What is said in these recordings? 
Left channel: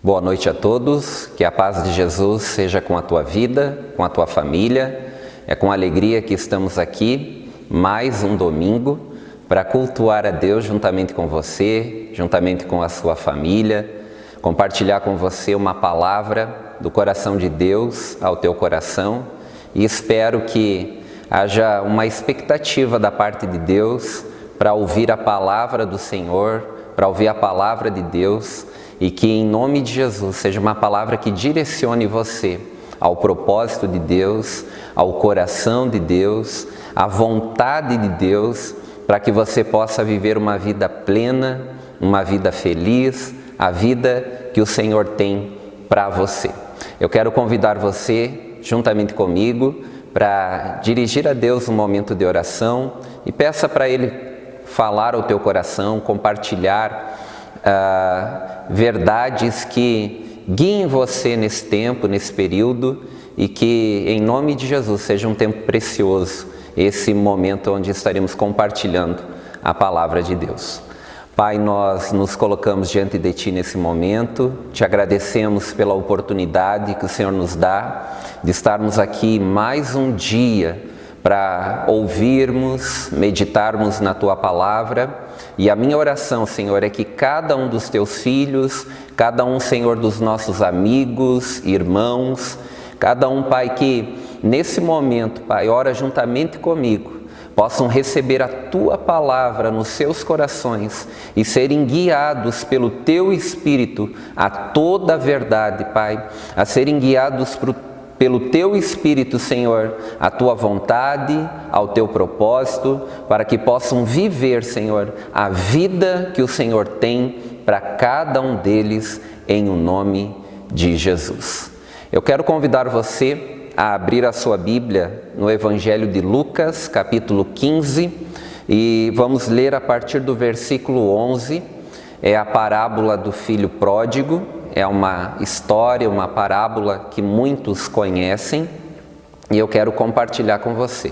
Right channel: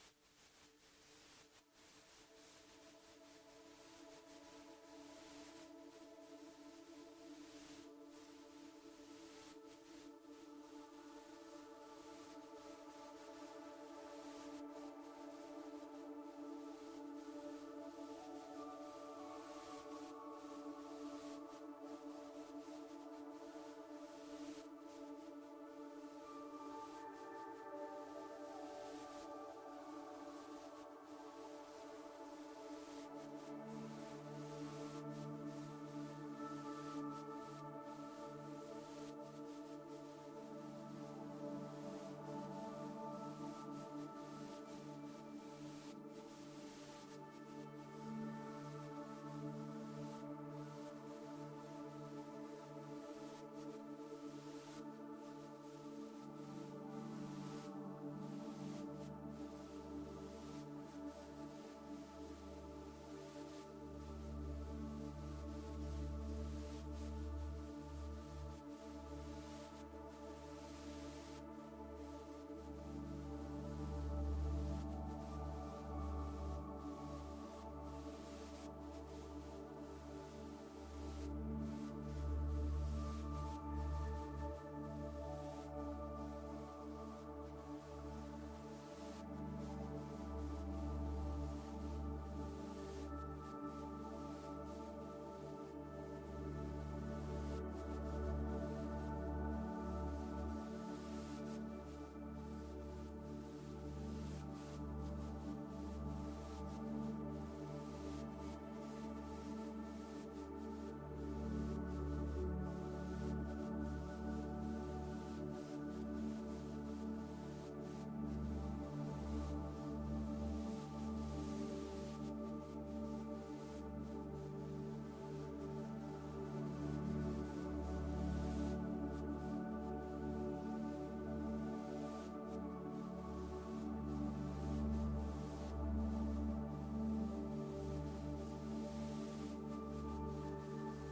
Boa noite a todos, que a paz de Jesus seja com a tua vida, com a tua família. É com alegria que estamos aqui, mais um domingo, para cultuar a Deus juntamente com você, juntamente com a sua família, compartilhar com você uma palavra do coração de Deus ao teu coração e espero que haja uma expectativa da parte de Deus para ouvir a palavra do Senhor, para ouvir a palavra de Deus e que em nome de Jesus seja uma palavra que direcione você ao propósito de Deus, ao coração de Deus, à vontade de Deus, para que você possa viver uma vida plena, uma vida feliz, a vida que o Senhor tem para você. Eu quero convidar você, juntamente comigo, para dirigir a Deus um momento de oração e peça para Ele falar ao teu coração, compartilhar verdades que guiem você nesse tempo, nesse período e que em nome de Jesus seja um tempo precioso, esse momento onde estaremos compartilhando a palavra de Deus. Pai, nós nos colocamos diante de Ti nesse momento, Te agradecemos pela oportunidade que o Senhor nos dá de estarmos aqui mais um dia para ouvirmos, meditarmos na Tua palavra. E a minha oração, Senhor, é que cada um dos Teus filhos, cada um, Senhor, dos nossos amigos, irmãos, cada um, Pai, que nesse momento, Pai, ora juntamente comigo, possam receber a Tua palavra nos seus corações e serem guiados pelo Teu Espírito a toda a verdade, Pai, a serem guiados pelo Teu Espírito, Senhor, a Tua vontade, ao Teu propósito, para que possam viver, Senhor, a vida que o Senhor tem para cada um deles, em o nome de Jesus. Eu quero convidar você a abrir a sua Bíblia no Evangelho de Lucas, capítulo 15, e vamos ler a partir do versículo 11, é a parábola do filho pródigo. É uma história, uma parábola que muitos conhecem e eu quero compartilhar com você.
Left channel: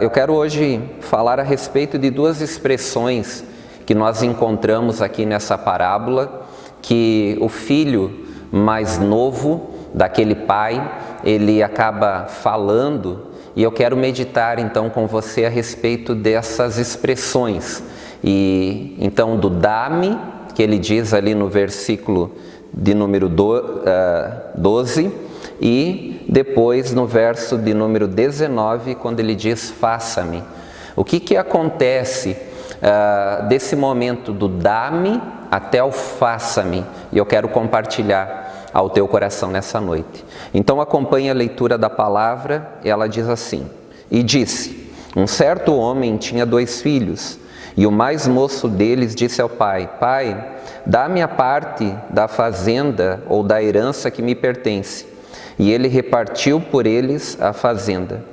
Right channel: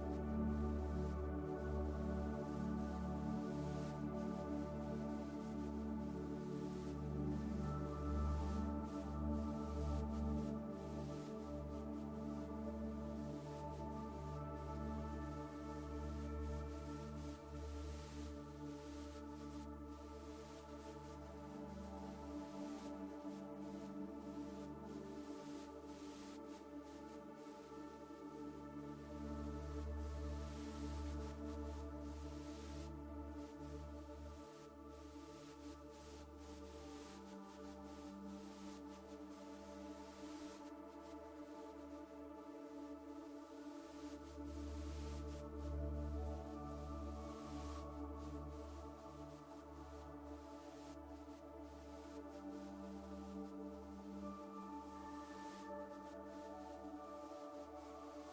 Eu quero hoje falar a respeito de duas expressões que nós encontramos aqui nessa parábola, que o filho mais novo daquele pai, ele acaba falando e eu quero meditar então com você a respeito dessas expressões. E então do dá-me, que ele diz ali no versículo de número 12 e depois no verso de número 19, quando ele diz faça-me. O que acontece desse momento do dá-me até o faça-me? E eu quero compartilhar ao teu coração nessa noite. Então acompanhe a leitura da palavra, ela diz assim: E disse, um certo homem tinha 2 filhos, e o mais moço deles disse ao pai: Pai, dá-me a parte da fazenda ou da herança que me pertence. E ele repartiu por eles a fazenda.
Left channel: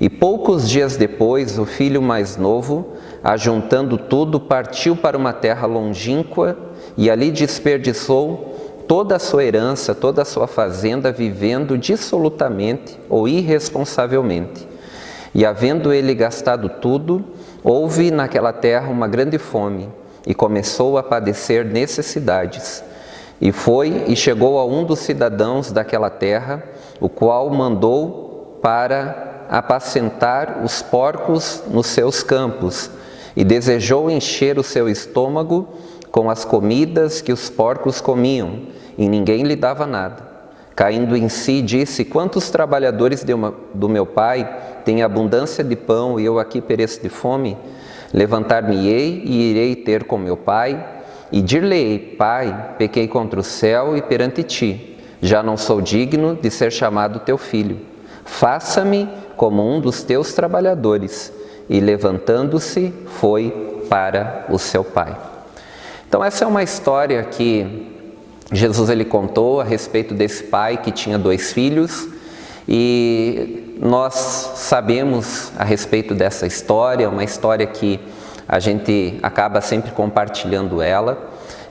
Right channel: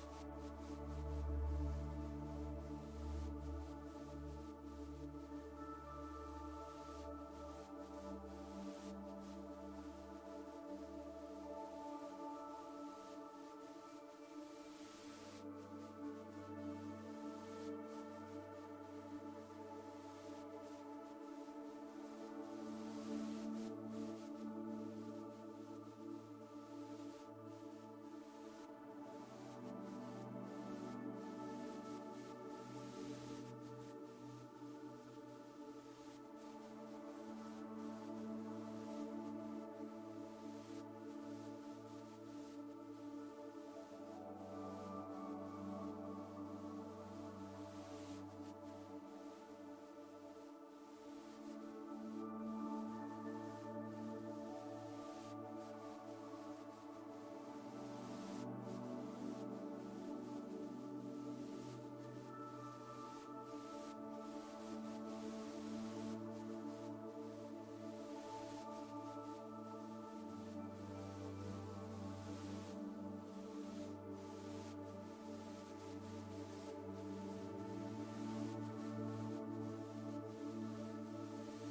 E poucos dias depois, o filho mais novo, ajuntando tudo, partiu para uma terra longínqua e ali desperdiçou toda a sua herança, toda a sua fazenda, vivendo dissolutamente ou irresponsavelmente. E havendo ele gastado tudo, houve naquela terra uma grande fome, e começou a padecer necessidades. E foi e chegou a um dos cidadãos daquela terra, o qual mandou para apacentar os porcos nos seus campos, e desejou encher o seu estômago com as comidas que os porcos comiam, e ninguém lhe dava nada. Caindo em si, disse: Quantos trabalhadores do meu pai têm abundância de pão e eu aqui pereço de fome? Levantar-me-ei e irei ter com meu pai, e dir-lhe-ei: Pai, pequei contra o céu e perante ti, já não sou digno de ser chamado teu filho. Faça-me como um dos teus trabalhadores. E levantando-se, foi para o seu pai. Então essa é uma história que Jesus ele contou a respeito desse pai que tinha 2 filhos, e nós sabemos a respeito dessa história, uma história que a gente acaba sempre compartilhando ela,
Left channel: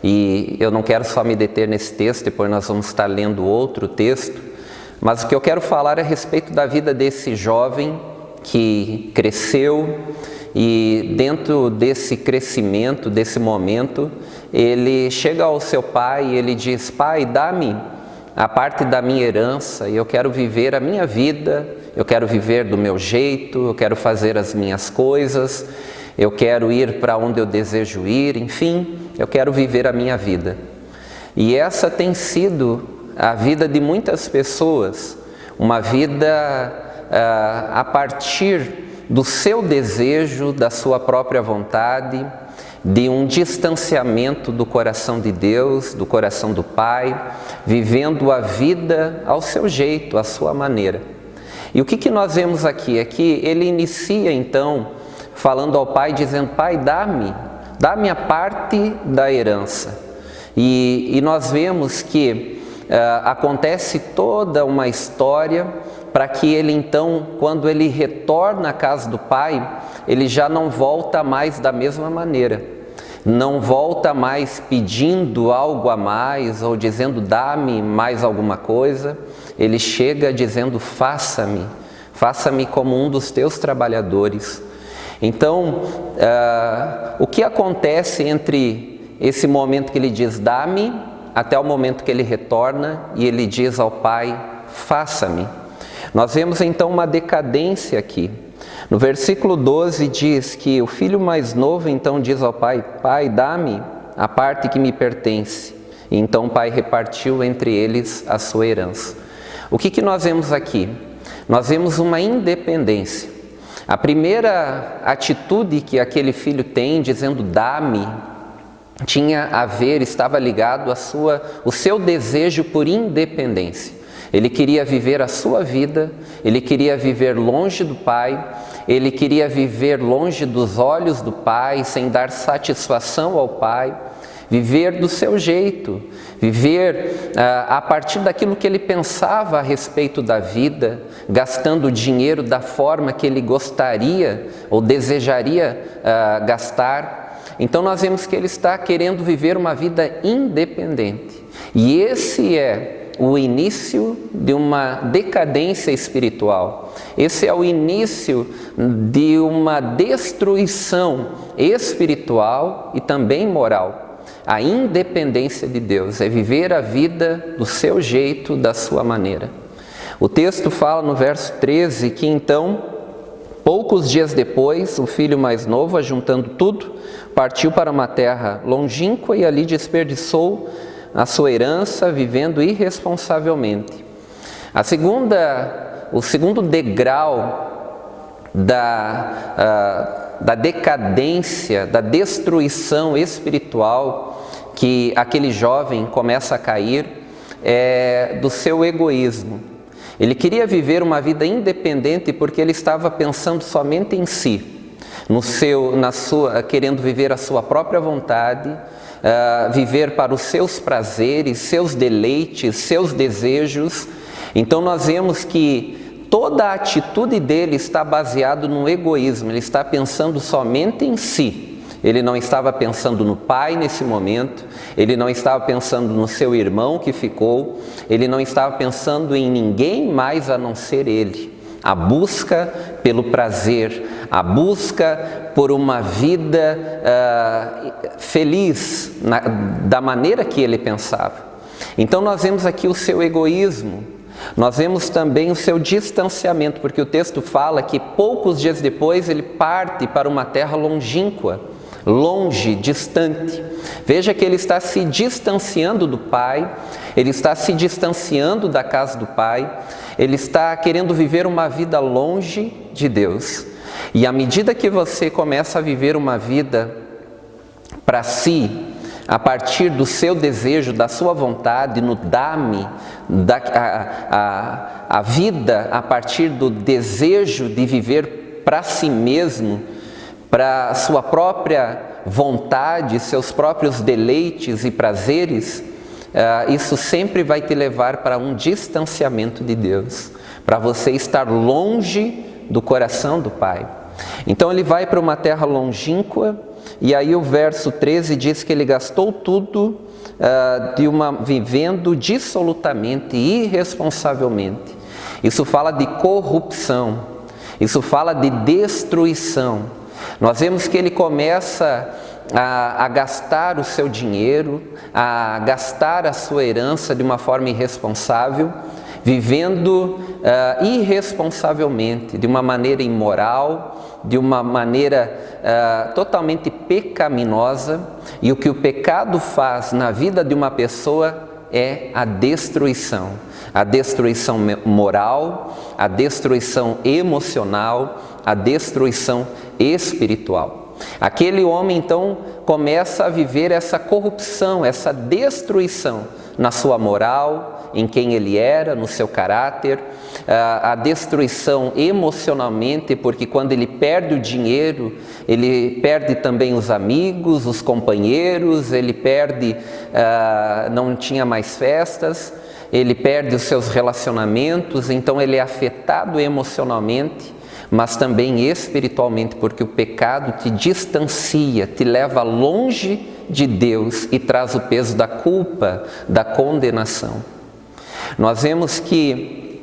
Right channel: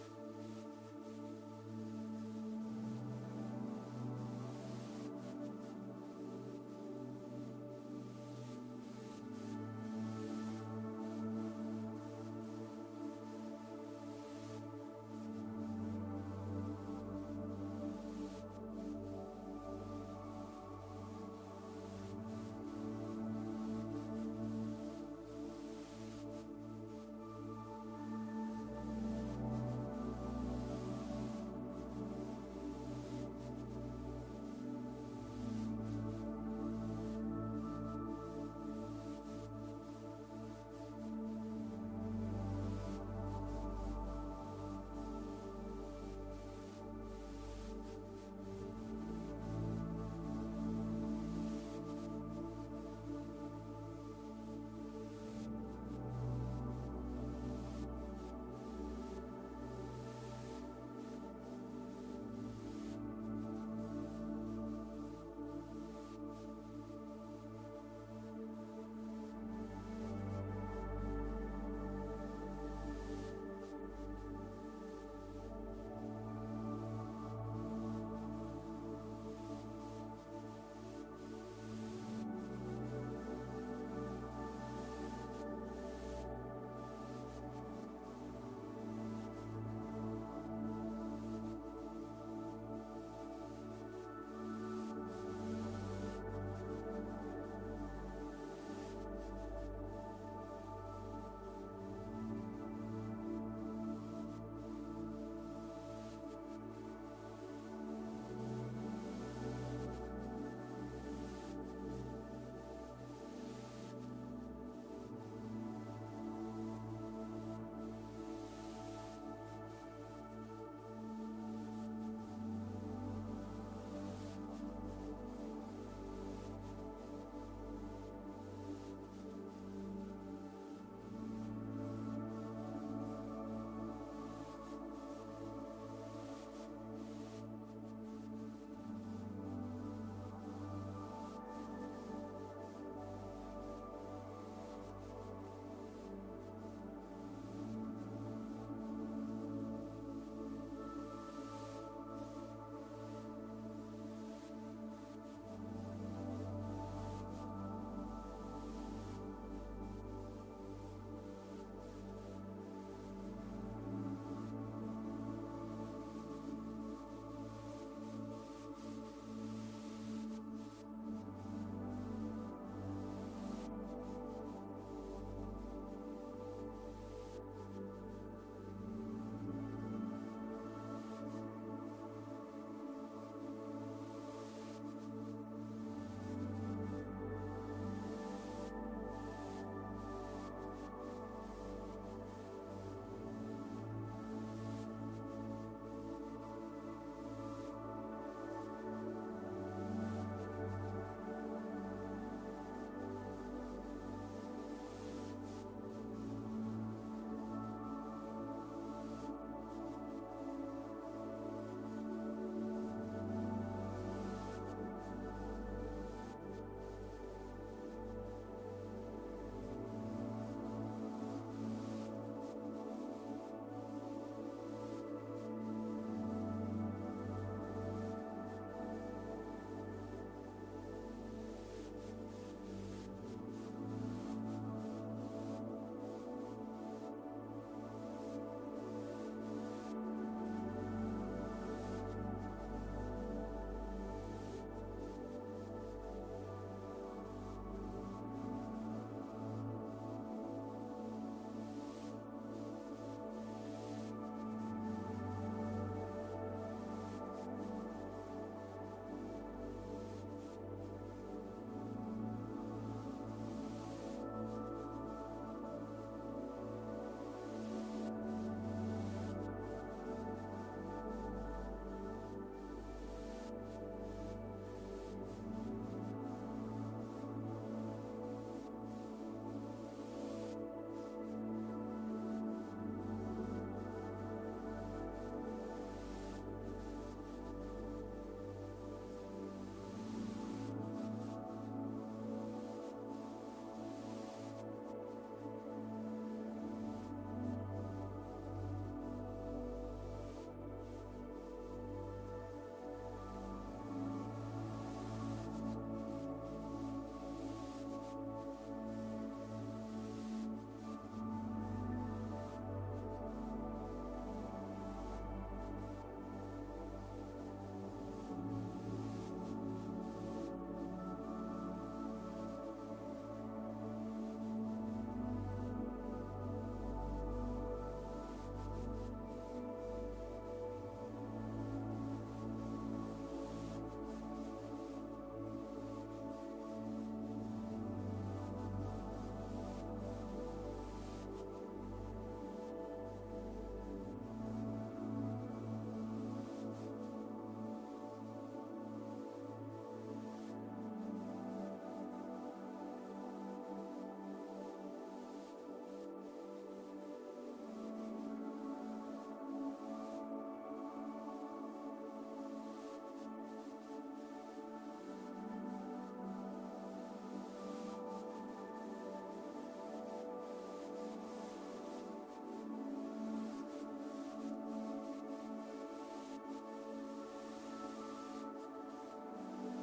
e eu não quero só me deter nesse texto, depois nós vamos estar lendo outro texto, mas o que eu quero falar é a respeito da vida desse jovem que cresceu e dentro desse crescimento, desse momento, ele chega ao seu pai e ele diz: pai, dá-me a parte da minha herança e eu quero viver a minha vida, eu quero viver do meu jeito, eu quero fazer as minhas coisas, eu quero ir para onde eu desejo ir, enfim, eu quero viver a minha vida. E essa tem sido a vida de muitas pessoas, uma vida a partir do seu desejo, da sua própria vontade, de um distanciamento do coração de Deus, do coração do Pai, vivendo a vida ao seu jeito, à sua maneira. E o que nós vemos aqui? É que ele inicia então falando ao pai, dizendo: pai, dá-me a parte da herança. E nós vemos que acontece toda uma história para que ele então, quando ele retorna à casa do pai, ele já não volta mais da mesma maneira. Não volta mais pedindo algo a mais ou dizendo: dá-me mais alguma coisa. Ele chega dizendo: faça-me como um dos teus trabalhadores. Então, o que acontece entre esse momento que ele diz dá-me, até o momento que ele retorna e ele diz ao pai: faça-me? Nós vemos então uma decadência aqui. No versículo 12 diz que o filho mais novo então diz ao pai: pai, dá-me a parte que me pertence. E então o pai repartiu entre eles a sua herança. O que nós vemos aqui? Nós vemos uma independência. A primeira atitude que aquele filho tem, dizendo dá-me, tinha a ver, estava ligado o seu desejo por independência. Ele queria viver a sua vida, ele queria viver longe do pai, ele queria viver longe dos olhos do pai, sem dar satisfação ao pai, viver do seu jeito, viver a partir daquilo que ele pensava a respeito da vida, gastando dinheiro da forma que ele gostaria ou desejaria gastar. Então nós vemos que ele está querendo viver uma vida independente. E esse é o início de uma decadência espiritual. Esse é o início de uma destruição espiritual e também moral. A independência de Deus é viver a vida do seu jeito, da sua maneira. O texto fala no verso 13 que então, poucos dias depois, o filho mais novo, ajuntando tudo, partiu para uma terra longínqua e ali desperdiçou a sua herança, vivendo irresponsavelmente. O segundo degrau da decadência, da destruição espiritual que aquele jovem começa a cair é do seu egoísmo. Ele queria viver uma vida independente porque ele estava pensando somente em si, querendo viver a sua própria vontade, viver para os seus prazeres, seus deleites, seus desejos. Então nós vemos que toda a atitude dele está baseada no egoísmo, ele está pensando somente em si. Ele não estava pensando no pai nesse momento, ele não estava pensando no seu irmão que ficou, ele não estava pensando em ninguém mais a não ser ele. A busca pelo prazer, a busca por uma vida feliz, da maneira que ele pensava. Então nós vemos aqui o seu egoísmo, nós vemos também o seu distanciamento, porque o texto fala que poucos dias depois ele parte para uma terra longínqua, longe, distante. Veja que ele está se distanciando do pai, ele está se distanciando da casa do pai, ele está querendo viver uma vida longe de Deus. E à medida que você começa a viver uma vida para si, a partir do seu desejo, da sua vontade, no dá-me, a vida a partir do desejo de viver para si mesmo, para a sua própria vontade, seus próprios deleites e prazeres, isso sempre vai te levar para um distanciamento de Deus, para você estar longe do coração do Pai. Então ele vai para uma terra longínqua, e aí o verso 13 diz que ele gastou tudo vivendo dissolutamente, irresponsavelmente. Isso fala de corrupção. Isso fala de destruição. Nós vemos que ele começa a gastar o seu dinheiro, a gastar a sua herança de uma forma irresponsável, vivendo irresponsavelmente, de uma maneira imoral, de uma maneira totalmente pecaminosa. E o que o pecado faz na vida de uma pessoa é a destruição moral, a destruição emocional, a destruição espiritual. Aquele homem então começa a viver essa corrupção, essa destruição na sua moral, em quem ele era, no seu caráter, a destruição emocionalmente, porque quando ele perde o dinheiro, ele perde também os amigos, os companheiros, ele perde, não tinha mais festas, ele perde os seus relacionamentos, então ele é afetado emocionalmente, mas também espiritualmente, porque o pecado te distancia, te leva longe de Deus e traz o peso da culpa, da condenação. Nós vemos que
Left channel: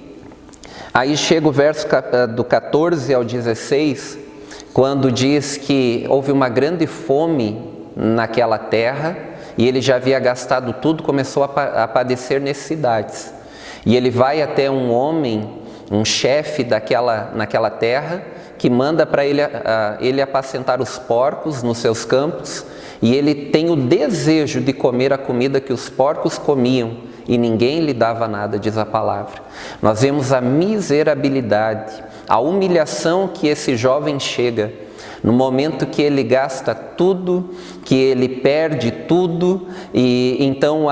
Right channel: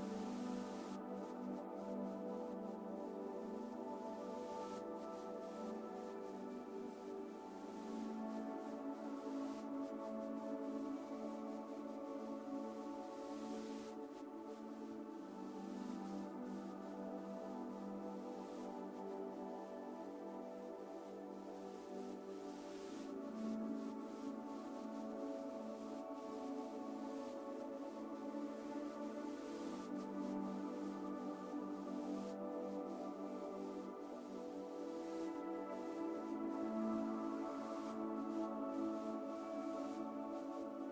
aí chega o verso do 14 ao 16, quando diz que houve uma grande fome naquela terra e ele já havia gastado tudo, começou a padecer necessidades. E ele vai até um homem, um chefe naquela terra, que manda para ele apacentar os porcos nos seus campos, e ele tem o desejo de comer a comida que os porcos comiam, e ninguém lhe dava nada, diz a palavra. Nós vemos a miserabilidade, a humilhação que esse jovem chega, no momento que ele gasta tudo, que ele perde tudo, e então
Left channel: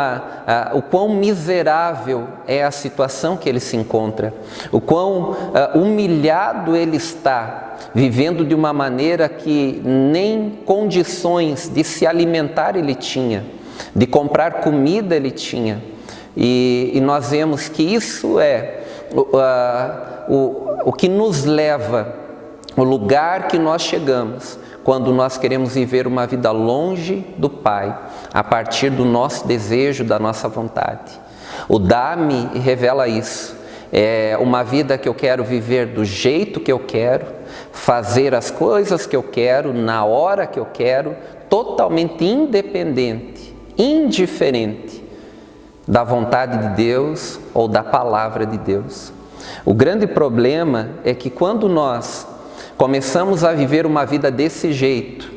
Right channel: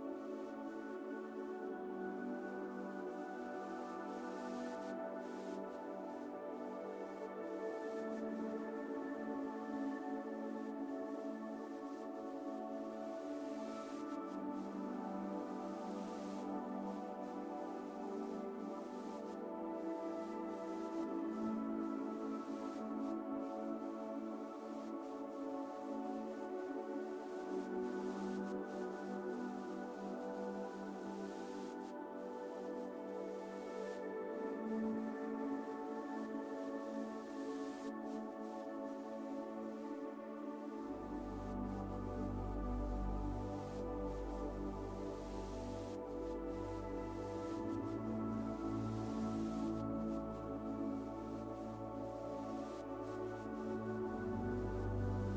o quão miserável é a situação que ele se encontra, o quão humilhado ele está, vivendo de uma maneira que nem condições de se alimentar ele tinha, de comprar comida ele tinha. E nós vemos que isso é o que nos leva, o lugar que nós chegamos, quando nós queremos viver uma vida longe do Pai, a partir do nosso desejo, da nossa vontade. O dá-me revela isso. É uma vida que eu quero viver do jeito que eu quero, fazer as coisas que eu quero, na hora que eu quero, totalmente independente, indiferente da vontade de Deus ou da palavra de Deus. O grande problema é que quando nós começamos a viver uma vida desse jeito,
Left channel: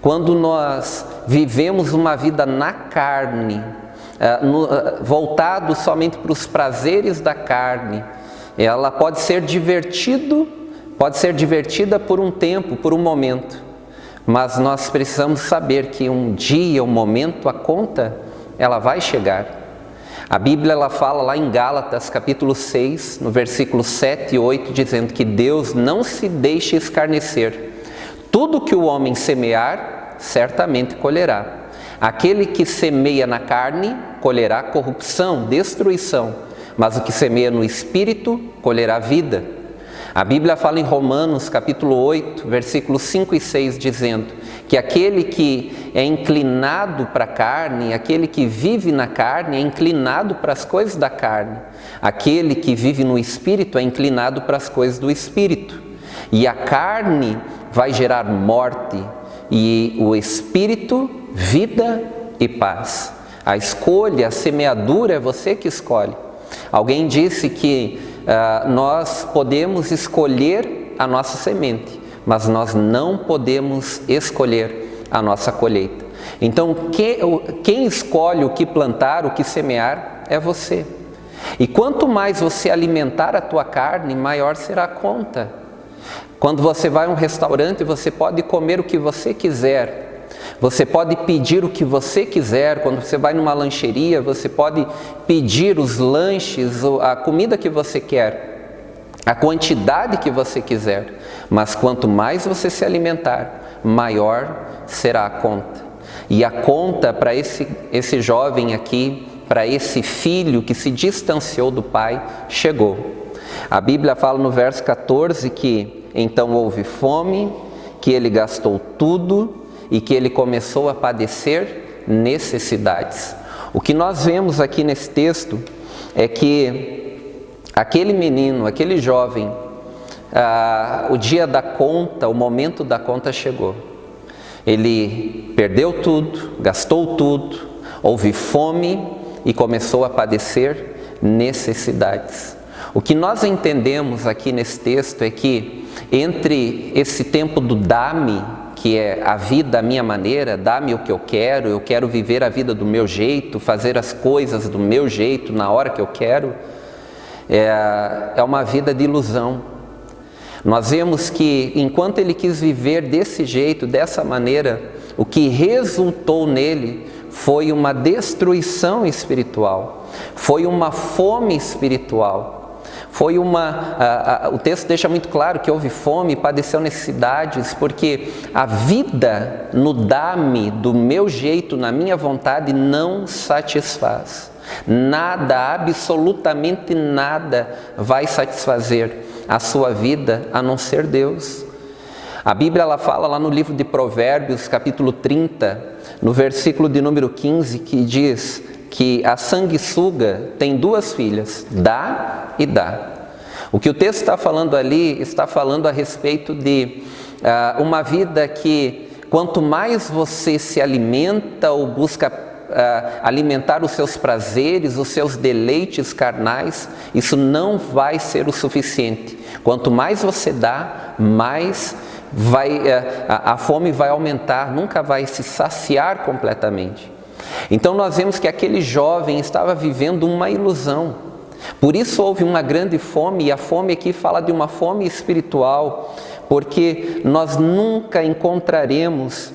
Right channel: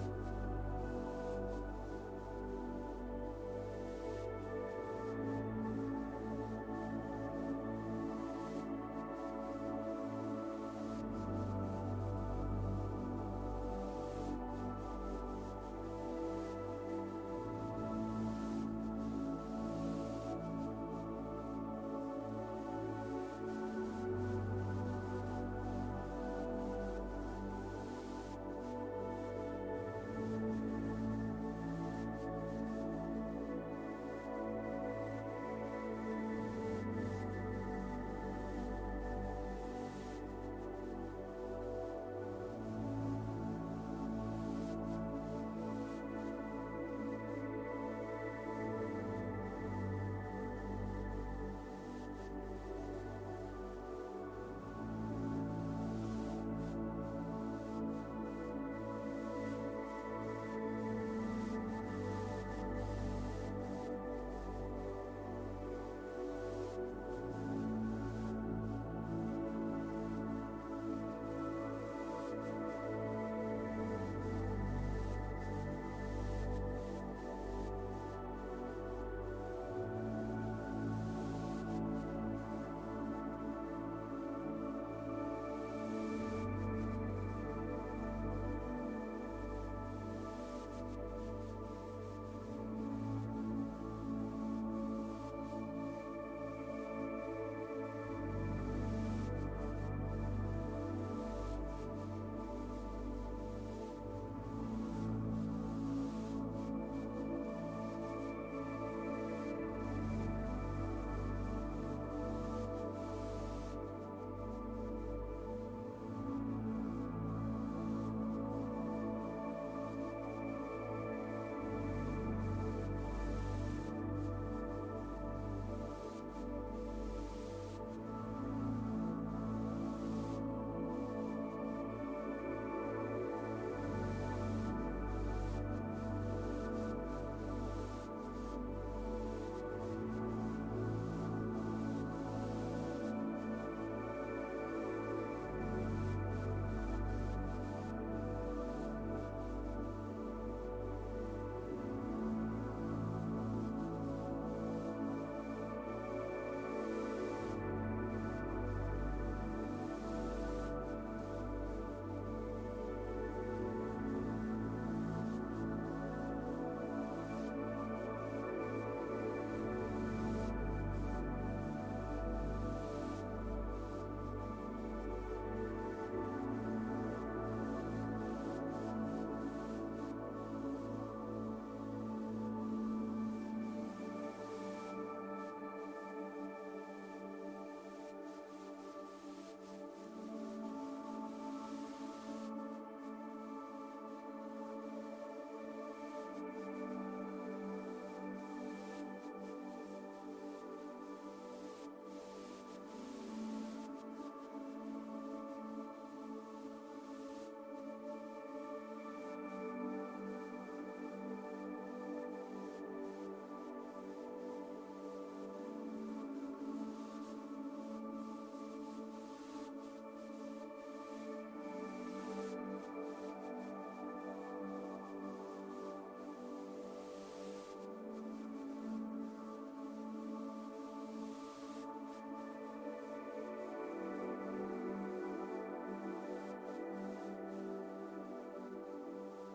quando nós vivemos uma vida na carne, voltado somente para os prazeres da carne, ela pode ser divertida por um tempo, por um momento, mas nós precisamos saber que um dia, um momento, a conta, ela vai chegar. A Bíblia ela fala lá em Gálatas capítulo 6, no versículo 7 e 8, dizendo que Deus não se deixa escarnecer. Tudo que o homem semear, certamente colherá. Aquele que semeia na carne, colherá corrupção, destruição, mas o que semeia no Espírito, colherá vida. A Bíblia fala em Romanos capítulo 8, versículos 5 e 6, dizendo que aquele que é inclinado para a carne, aquele que vive na carne é inclinado para as coisas da carne. Aquele que vive no Espírito é inclinado para as coisas do Espírito. E a carne vai gerar morte e o Espírito, vida e paz. A escolha, a semeadura é você que escolhe. Alguém disse que nós podemos escolher a nossa semente, mas nós não podemos escolher a nossa colheita. Então, quem escolhe o que plantar, o que semear, é você. E quanto mais você alimentar a tua carne, maior será a conta. Quando você vai a um restaurante, você pode comer o que você quiser. Você pode pedir o que você quiser. Quando você vai numa lancheria, você pode pedir os lanches, a comida que você quer, a quantidade que você quiser. Mas quanto mais você se alimentar, maior será a conta. E a conta para esse jovem aqui, para esse filho que se distanciou do pai, chegou. A Bíblia fala no verso 14 que então houve fome, que ele gastou tudo e que ele começou a padecer necessidades. O que nós vemos aqui nesse texto é que aquele menino, aquele jovem, o dia da conta, o momento da conta chegou. Ele perdeu tudo, gastou tudo, houve fome e começou a padecer necessidades. O que nós entendemos aqui nesse texto é que entre esse tempo do dá-me, que é a vida à minha maneira, dá-me o que eu quero viver a vida do meu jeito, fazer as coisas do meu jeito, na hora que eu quero, é uma vida de ilusão. Nós vemos que enquanto ele quis viver desse jeito, dessa maneira, o que resultou nele foi uma destruição espiritual, foi uma fome espiritual, foi o texto deixa muito claro que houve fome, padeceu necessidades, porque a vida no dá-me, do meu jeito, na minha vontade, não satisfaz. Nada, absolutamente nada vai satisfazer a sua vida a não ser Deus. A Bíblia ela fala lá no livro de Provérbios, capítulo 30, no versículo de número 15, que diz que a sanguessuga tem duas filhas, dá e dá. O que o texto está falando ali, está falando a respeito de uma vida que quanto mais você se alimenta ou busca alimentar os seus prazeres, os seus deleites carnais, isso não vai ser o suficiente. Quanto mais você dá, mais a fome vai aumentar, nunca vai se saciar completamente. Então nós vemos que aquele jovem estava vivendo uma ilusão. Por isso houve uma grande fome, e a fome aqui fala de uma fome espiritual, porque nós nunca encontraremos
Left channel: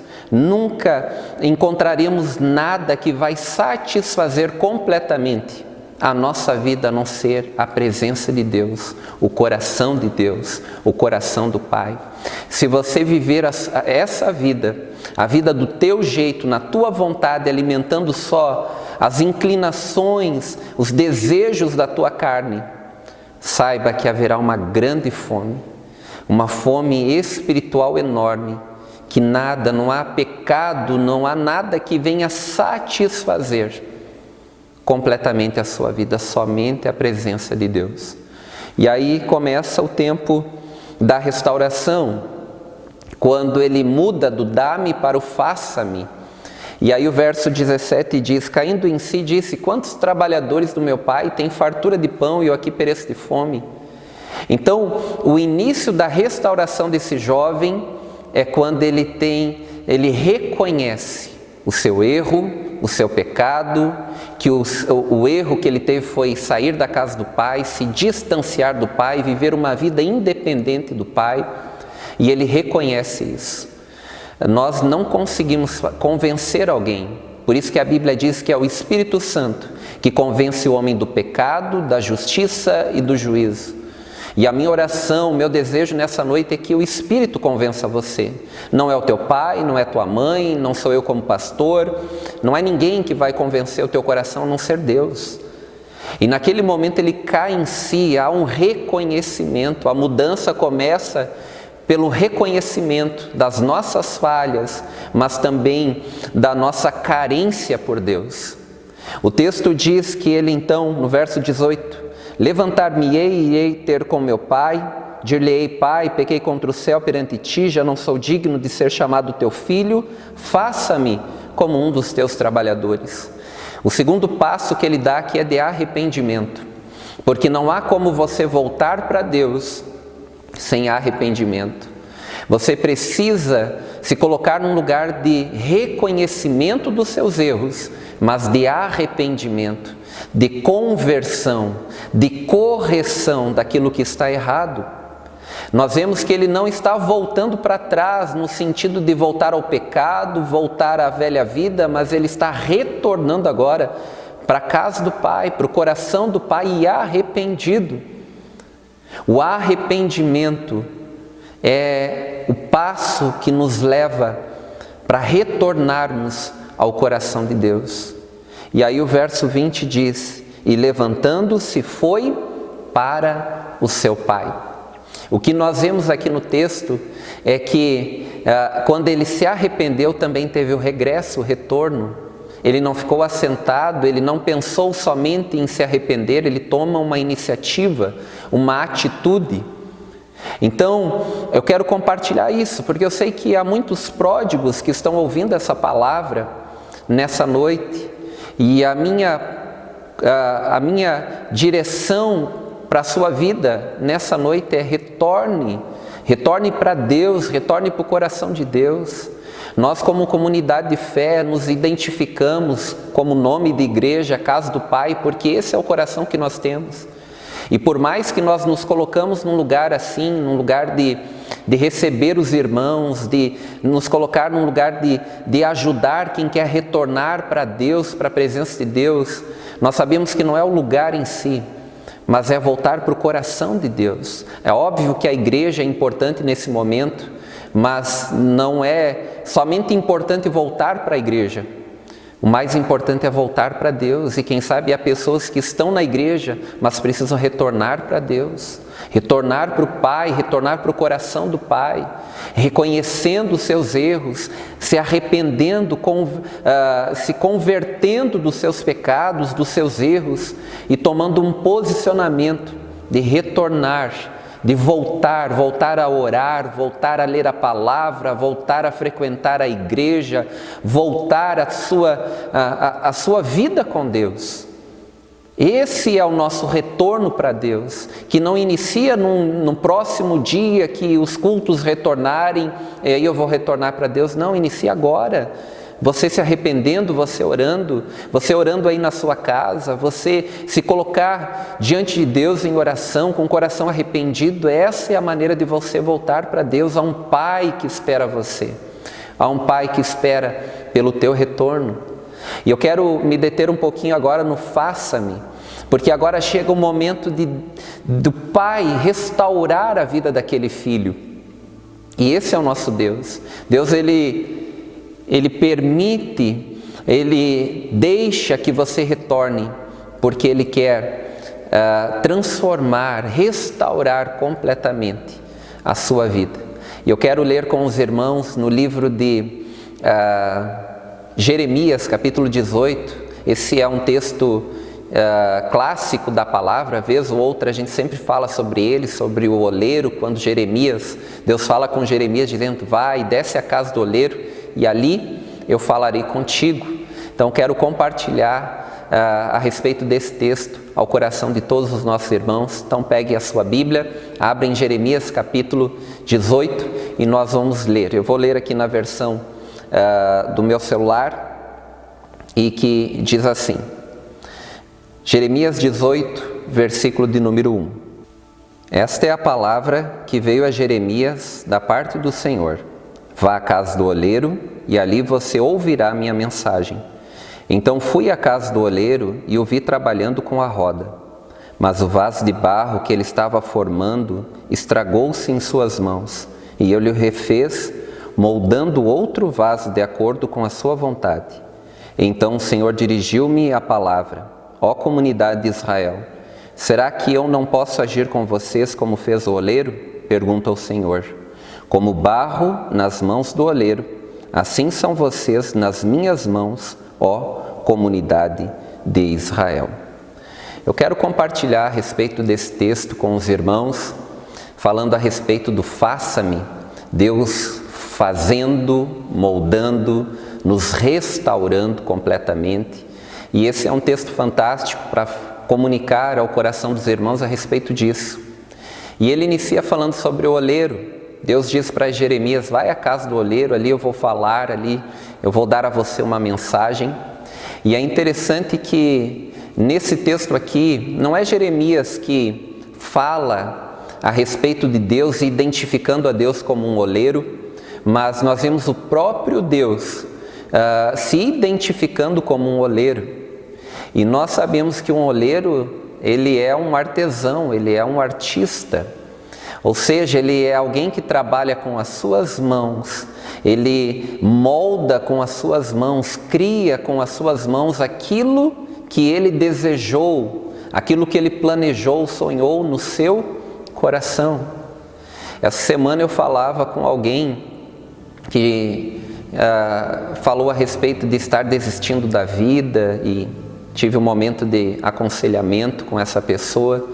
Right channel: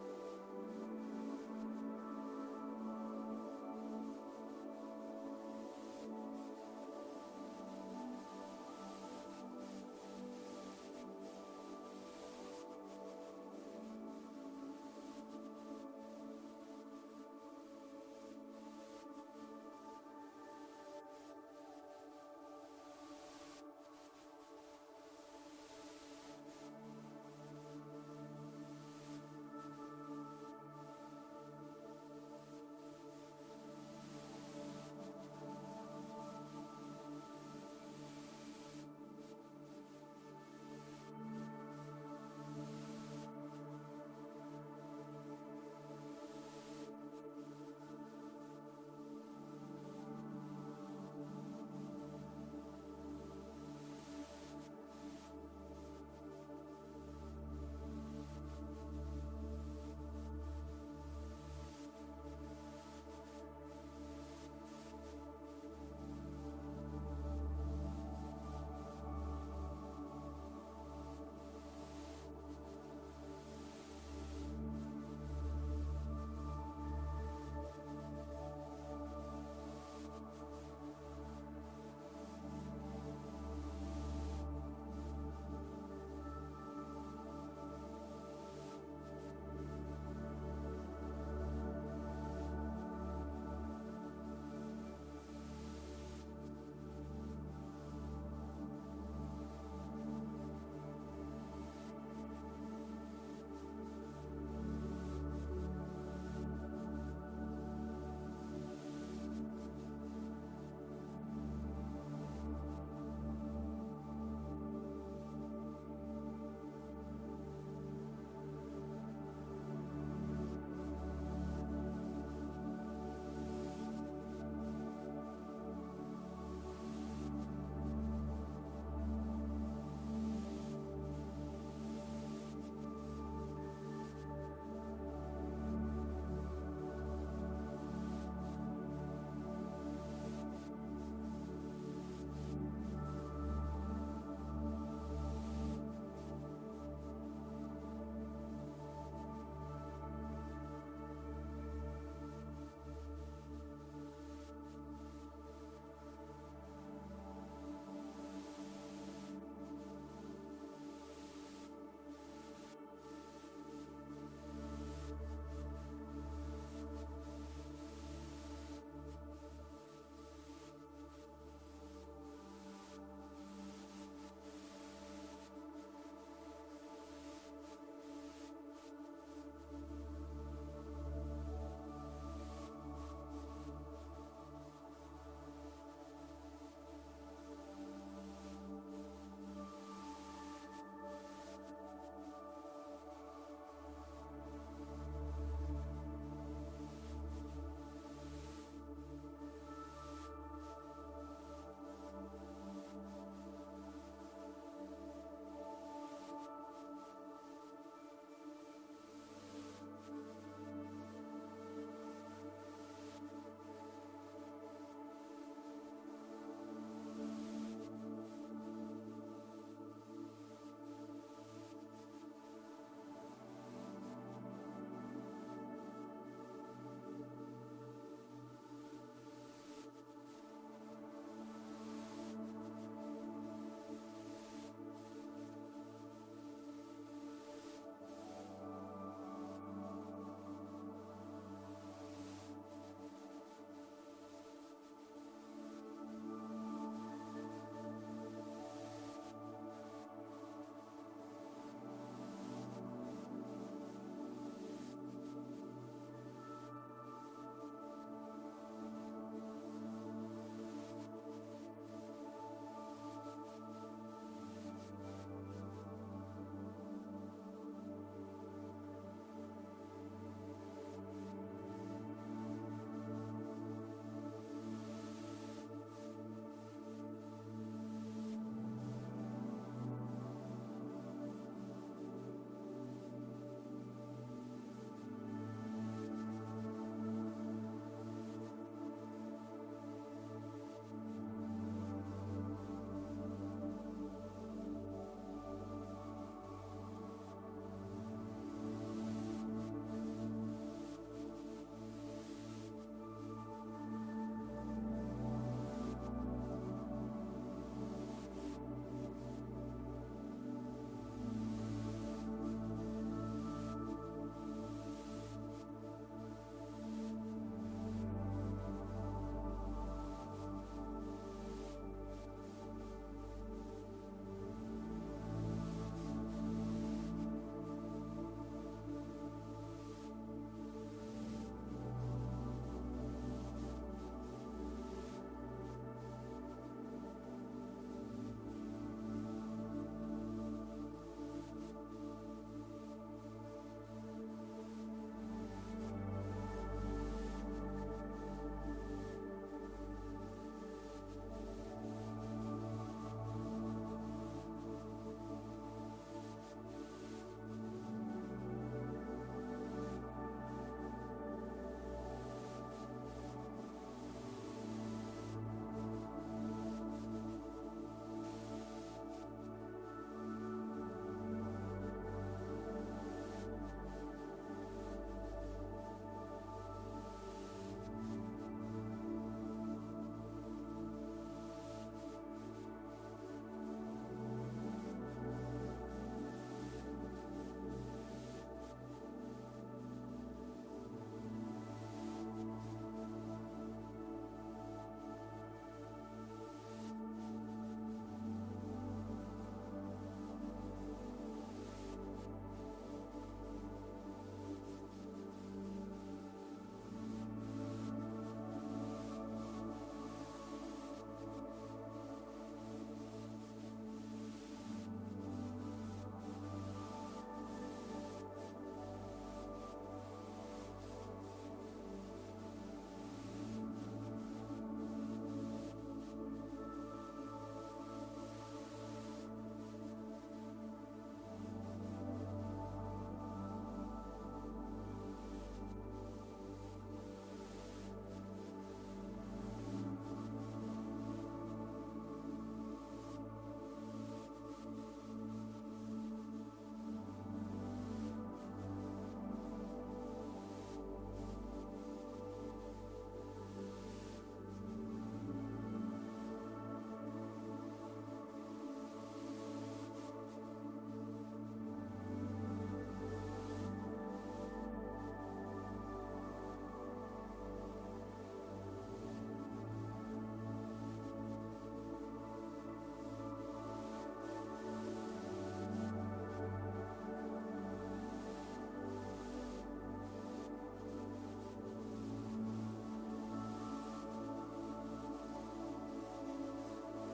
nada que vai satisfazer completamente a nossa vida a não ser a presença de Deus, o coração de Deus, o coração do Pai. Se você viver essa vida, a vida do teu jeito, na tua vontade, alimentando só as inclinações, os desejos da tua carne, saiba que haverá uma grande fome, uma fome espiritual enorme, que nada, não há pecado, não há nada que venha satisfazer completamente a sua vida, somente a presença de Deus. E aí começa o tempo da restauração, quando ele muda do dá-me para o faça-me. E aí o verso 17 diz, caindo em si, disse, quantos trabalhadores do meu pai têm fartura de pão e eu aqui pereço de fome? Então, o início da restauração desse jovem é quando ele reconhece o seu erro, o seu pecado, que o erro que ele teve foi sair da casa do pai, se distanciar do pai, viver uma vida independente do pai, e ele reconhece isso. Nós não conseguimos convencer alguém, por isso que a Bíblia diz que é o Espírito Santo que convence o homem do pecado, da justiça e do juízo. E a minha oração, o meu desejo nessa noite é que o Espírito convença você. Não é o teu pai, não é tua mãe, não sou eu como pastor, não é ninguém que vai convencer o teu coração a não ser Deus. E naquele momento ele cai em si, há um reconhecimento, a mudança começa pelo reconhecimento das nossas falhas, mas também da nossa carência por Deus. O texto diz que ele então, no verso 18, levantar-me-ei e irei ter com meu pai, dir-lhe-ei, pai, pequei contra o céu perante ti, já não sou digno de ser chamado teu filho, faça-me como um dos teus trabalhadores. O segundo passo que ele dá aqui é de arrependimento, porque não há como você voltar para Deus sem arrependimento. Você precisa se colocar num lugar de reconhecimento dos seus erros, mas de arrependimento, de conversão, de correção daquilo que está errado. Nós vemos que ele não está voltando para trás no sentido de voltar ao pecado, voltar à velha vida, mas ele está retornando agora para a casa do Pai, para o coração do Pai e arrependido. O arrependimento é o passo que nos leva para retornarmos ao coração de Deus. E aí o verso 20 diz, e levantando-se foi para o seu pai. O que nós vemos aqui no texto é que quando ele se arrependeu também teve o regresso, o retorno. Ele não ficou assentado, ele não pensou somente em se arrepender, ele toma uma iniciativa, uma atitude. Então, eu quero compartilhar isso, porque eu sei que há muitos pródigos que estão ouvindo essa palavra nessa noite, e a minha direção para a sua vida nessa noite é retorne para Deus, retorne para o coração de Deus. Nós, como comunidade de fé, nos identificamos como nome de igreja, Casa do Pai, porque esse é o coração que nós temos. E por mais que nós nos colocamos num lugar assim, num lugar de receber os irmãos, de nos colocar num lugar de ajudar quem quer retornar para Deus, para a presença de Deus, nós sabemos que não é o lugar em si, mas é voltar para o coração de Deus. É óbvio que a igreja é importante nesse momento, mas não é somente importante voltar para a igreja. O mais importante é voltar para Deus, e quem sabe há pessoas que estão na igreja, mas precisam retornar para Deus, retornar para o Pai, retornar para o coração do Pai, reconhecendo os seus erros, se arrependendo, se convertendo dos seus pecados, dos seus erros, e tomando um posicionamento de retornar, de voltar a orar, voltar a ler a palavra, voltar a frequentar a igreja, voltar a sua vida com Deus. Esse é o nosso retorno para Deus, que não inicia no próximo dia que os cultos retornarem, e aí eu vou retornar para Deus. Não, inicia agora. Você se arrependendo, você orando aí na sua casa, você se colocar diante de Deus em oração, com o coração arrependido. Essa é a maneira de você voltar para Deus. Há um Pai que espera você, há um Pai que espera pelo teu retorno. E eu quero me deter um pouquinho agora no faça-me, porque agora chega o momento do Pai restaurar a vida daquele filho. E esse é o nosso Deus. Deus, Ele permite, Ele deixa que você retorne, porque Ele quer transformar, restaurar completamente a sua vida. E eu quero ler com os irmãos no livro de Jeremias, capítulo 18. Esse é um texto clássico da palavra. Vez ou outra a gente sempre fala sobre ele, sobre o oleiro, quando Deus fala com Jeremias dizendo: vai, desce à casa do oleiro, e ali eu falarei contigo. Então quero compartilhar a respeito desse texto ao coração de todos os nossos irmãos. Então pegue a sua Bíblia, abra em Jeremias capítulo 18 e nós vamos ler. Eu vou ler aqui na versão do meu celular, e que diz assim: Jeremias 18, versículo de número 1. Esta é a palavra que veio a Jeremias da parte do Senhor. Vá à casa do oleiro, e ali você ouvirá minha mensagem. Então fui à casa do oleiro e o vi trabalhando com a roda. Mas o vaso de barro que ele estava formando estragou-se em suas mãos, e ele o refez, moldando outro vaso de acordo com a sua vontade. Então o Senhor dirigiu-me a palavra: ó comunidade de Israel, será que eu não posso agir com vocês como fez o oleiro? Pergunta o Senhor. Como barro nas mãos do oleiro, assim são vocês nas minhas mãos, ó comunidade de Israel. Eu quero compartilhar a respeito desse texto com os irmãos, falando a respeito do faça-me, Deus fazendo, moldando, nos restaurando completamente. E esse é um texto fantástico para comunicar ao coração dos irmãos a respeito disso. E ele inicia falando sobre o oleiro. Deus diz para Jeremias: vai à casa do oleiro, ali eu vou falar, ali eu vou dar a você uma mensagem. E é interessante que nesse texto aqui, não é Jeremias que fala a respeito de Deus, identificando a Deus como um oleiro, mas nós vemos o próprio Deus se identificando como um oleiro. E nós sabemos que um oleiro, ele é um artesão, ele é um artista. Ou seja, ele é alguém que trabalha com as suas mãos, ele molda com as suas mãos, cria com as suas mãos aquilo que ele desejou, aquilo que ele planejou, sonhou no seu coração. Essa semana eu falava com alguém que falou a respeito de estar desistindo da vida, e tive um momento de aconselhamento com essa pessoa.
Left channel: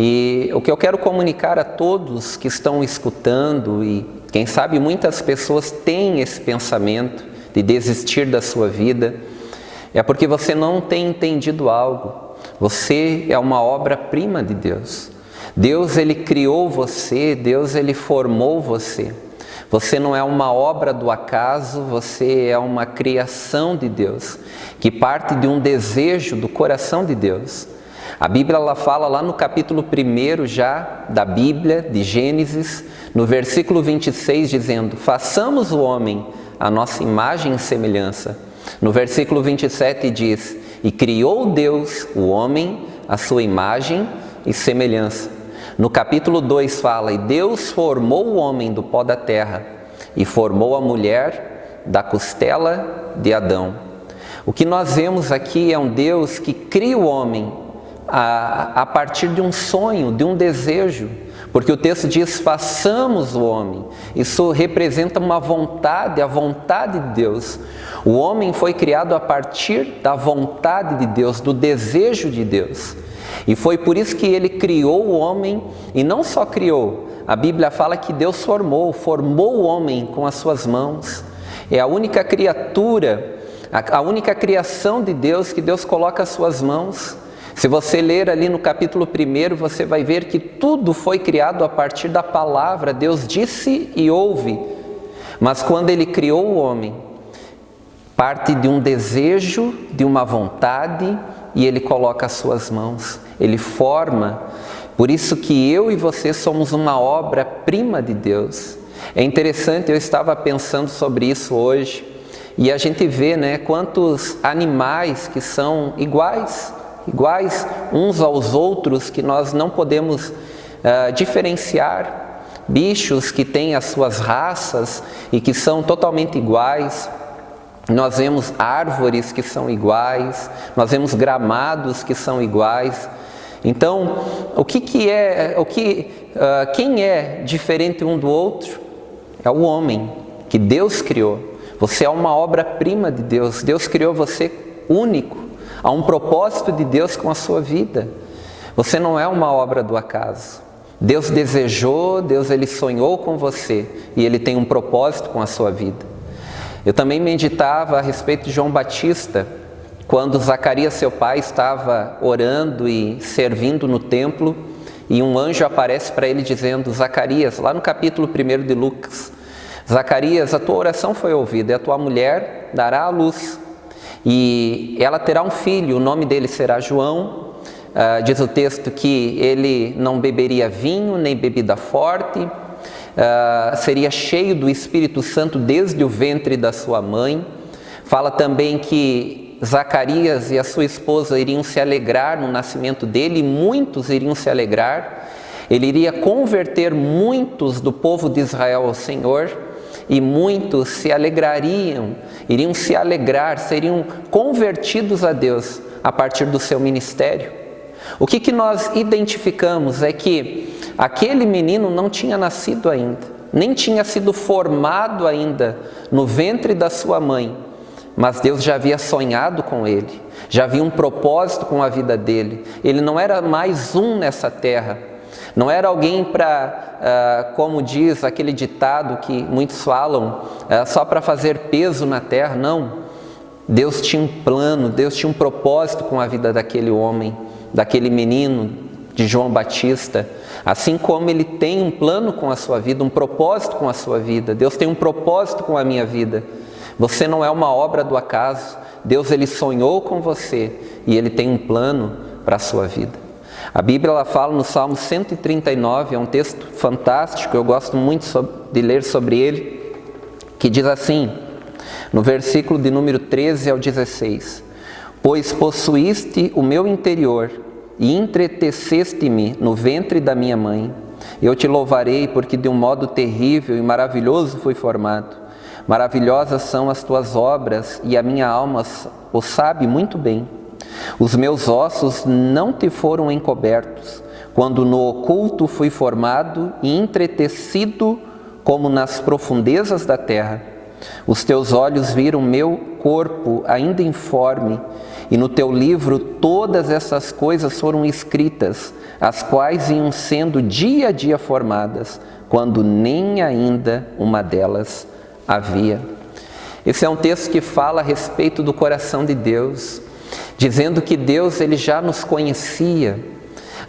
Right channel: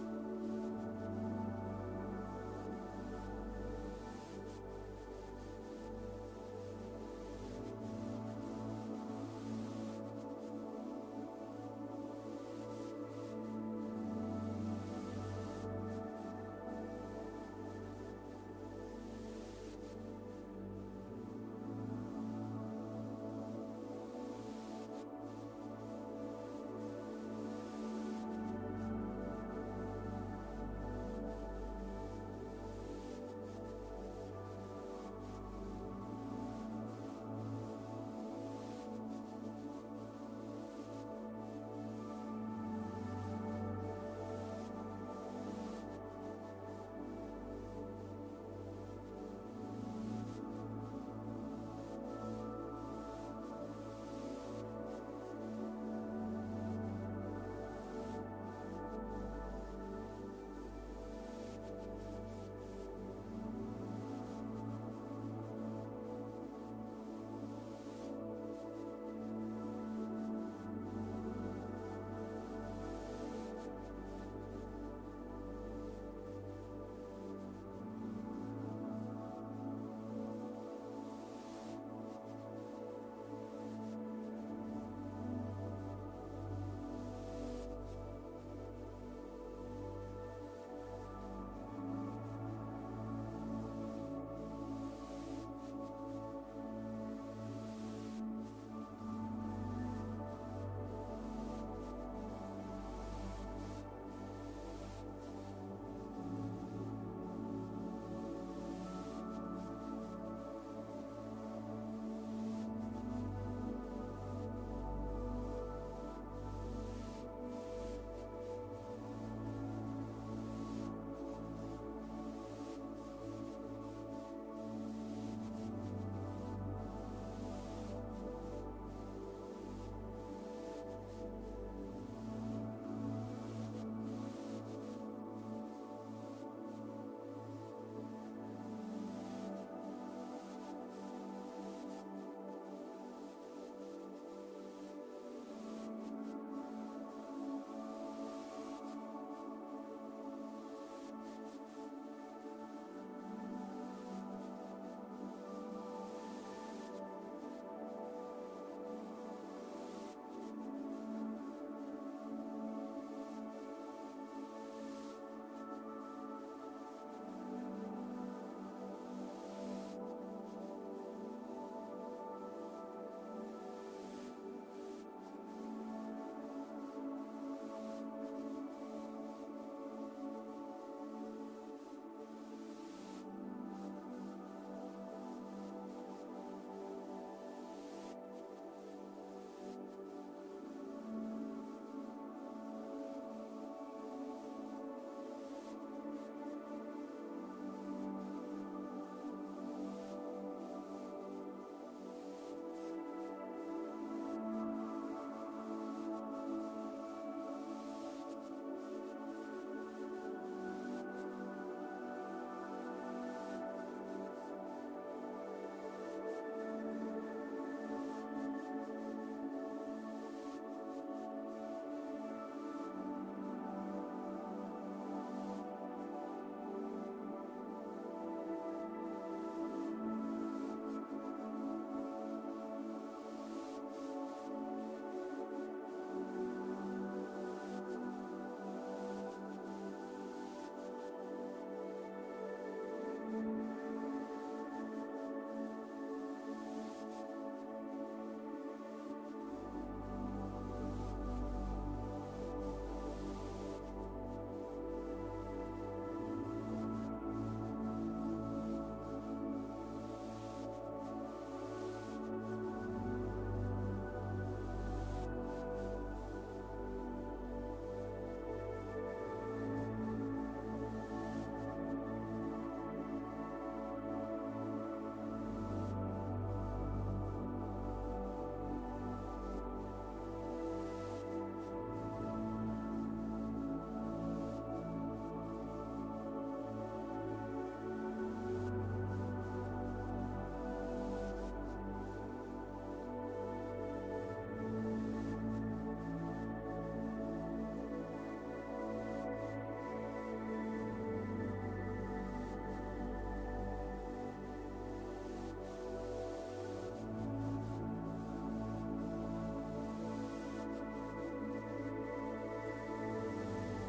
E o que eu quero comunicar a todos que estão escutando, e quem sabe muitas pessoas têm esse pensamento de desistir da sua vida, é porque você não tem entendido algo. Você é uma obra-prima de Deus. Deus, Ele criou você, Deus, Ele formou você. Você não é uma obra do acaso, você é uma criação de Deus, que parte de um desejo do coração de Deus. A Bíblia ela fala lá no capítulo 1 já da Bíblia, de Gênesis, no versículo 26, dizendo: façamos o homem a nossa imagem e semelhança. No versículo 27 diz: e criou Deus o homem à sua imagem e semelhança. No capítulo 2 fala: e Deus formou o homem do pó da terra e formou a mulher da costela de Adão. O que nós vemos aqui é um Deus que cria o homem a partir de um sonho, de um desejo, porque o texto diz: façamos o homem. Isso representa uma vontade, a vontade de Deus. O homem foi criado a partir da vontade de Deus, do desejo de Deus. E foi por isso que Ele criou o homem, e não só criou, a Bíblia fala que Deus formou o homem com as suas mãos. É a única criatura, a única criação de Deus que Deus coloca as suas mãos. Se você ler ali no capítulo 1, você vai ver que tudo foi criado a partir da palavra. Deus disse e ouve. Mas quando Ele criou o homem, parte de um desejo, de uma vontade, e Ele coloca as suas mãos. Ele forma. Por isso que eu e você somos uma obra-prima de Deus. É interessante, eu estava pensando sobre isso hoje, e a gente vê, quantos animais que são iguais uns aos outros, que nós não podemos diferenciar. Bichos que têm as suas raças e que são totalmente iguais. Nós vemos árvores que são iguais, nós vemos gramados que são iguais. Então, quem é diferente um do outro? É o homem que Deus criou. Você é uma obra-prima de Deus. Deus criou você único. Há um propósito de Deus com a sua vida. Você não é uma obra do acaso. Deus desejou, Deus Ele sonhou com você e Ele tem um propósito com a sua vida. Eu também meditava a respeito de João Batista, quando Zacarias, seu pai, estava orando e servindo no templo, e um anjo aparece para ele dizendo: Zacarias, lá no capítulo 1 de Lucas, Zacarias, a tua oração foi ouvida, e a tua mulher dará à luz, e ela terá um filho, o nome dele será João. Diz o texto que ele não beberia vinho, nem bebida forte, seria cheio do Espírito Santo desde o ventre da sua mãe. Fala também que Zacarias e a sua esposa iriam se alegrar no nascimento dele, e muitos iriam se alegrar. Ele iria converter muitos do povo de Israel ao Senhor, e muitos se alegrariam, iriam se alegrar, seriam convertidos a Deus a partir do seu ministério. O que nós identificamos é que aquele menino não tinha nascido ainda, nem tinha sido formado ainda no ventre da sua mãe, mas Deus já havia sonhado com ele, já havia um propósito com a vida dele. Ele não era mais um nessa terra, não era alguém para, como diz aquele ditado que muitos falam, só para fazer peso na terra. Não, Deus tinha um plano, Deus tinha um propósito com a vida daquele homem, daquele menino, de João Batista. Assim como Ele tem um plano com a sua vida, um propósito com a sua vida. Deus tem um propósito com a minha vida. Você não é uma obra do acaso. Deus, Ele sonhou com você e Ele tem um plano para a sua vida. A Bíblia ela fala no Salmo 139, é um texto fantástico, eu gosto muito de ler sobre ele, que diz assim, no versículo de número 13 ao 16: Pois possuíste o meu interior e entreteceste-me no ventre da minha mãe. Eu te louvarei, porque de um modo terrível e maravilhoso fui formado. Maravilhosas são as tuas obras, e a minha alma o sabe muito bem. Os meus ossos não te foram encobertos, quando no oculto fui formado e entretecido como nas profundezas da terra. Os teus olhos viram meu corpo ainda informe, e no teu livro todas essas coisas foram escritas, as quais iam sendo dia a dia formadas, quando nem ainda uma delas havia. Esse é um texto que fala a respeito do coração de Deus, dizendo que Deus ele já nos conhecia.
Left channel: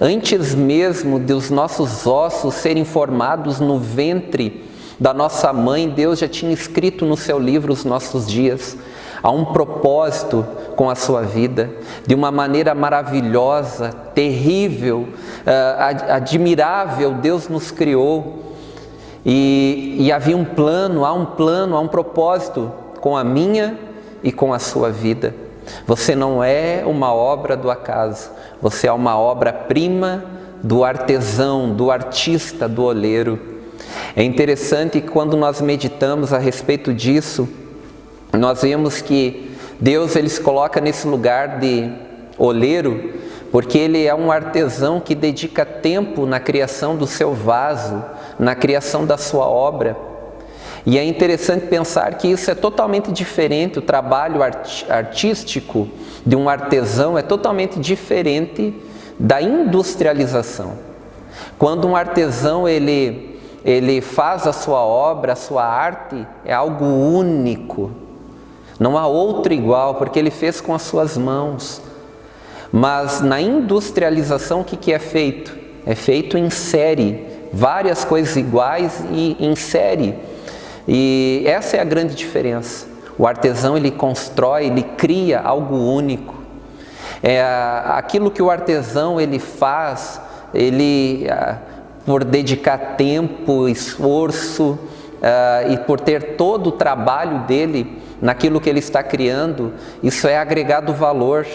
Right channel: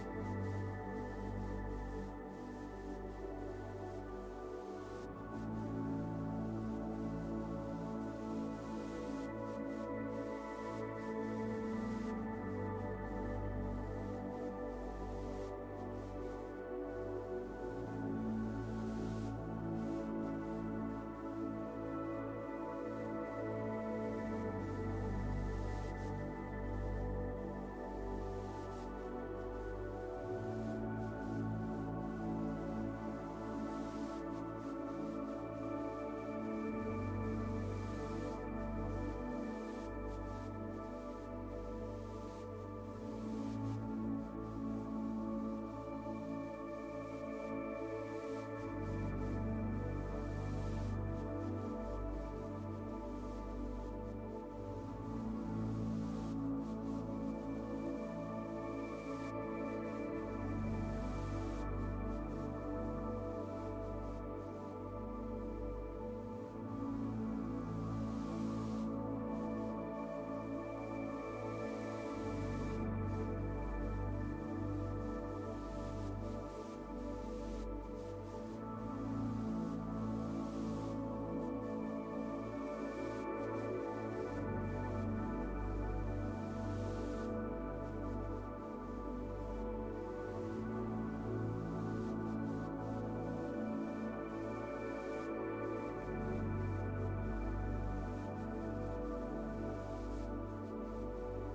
Antes mesmo dos nossos ossos serem formados no ventre da nossa mãe, Deus já tinha escrito no seu livro os nossos dias. Há um propósito com a sua vida, de uma maneira maravilhosa, terrível, admirável, Deus nos criou. E havia um plano, há um propósito com a minha e com a sua vida. Você não é uma obra do acaso, você é uma obra-prima do artesão, do artista, do oleiro. É interessante que quando nós meditamos a respeito disso, nós vemos que Deus ele se coloca nesse lugar de oleiro, porque Ele é um artesão que dedica tempo na criação do seu vaso, na criação da sua obra. E é interessante pensar que isso é totalmente diferente, o trabalho artístico de um artesão é totalmente diferente da industrialização. Quando um artesão ele faz a sua obra, a sua arte, é algo único. Não há outro igual, porque ele fez com as suas mãos. Mas na industrialização, o que é feito? É feito em série, várias coisas iguais e em série. E essa é a grande diferença. O artesão ele constrói, ele cria algo único. Aquilo que o artesão ele faz, ele por dedicar tempo, esforço e por ter todo o trabalho dele naquilo que ele está criando, isso é agregado valor,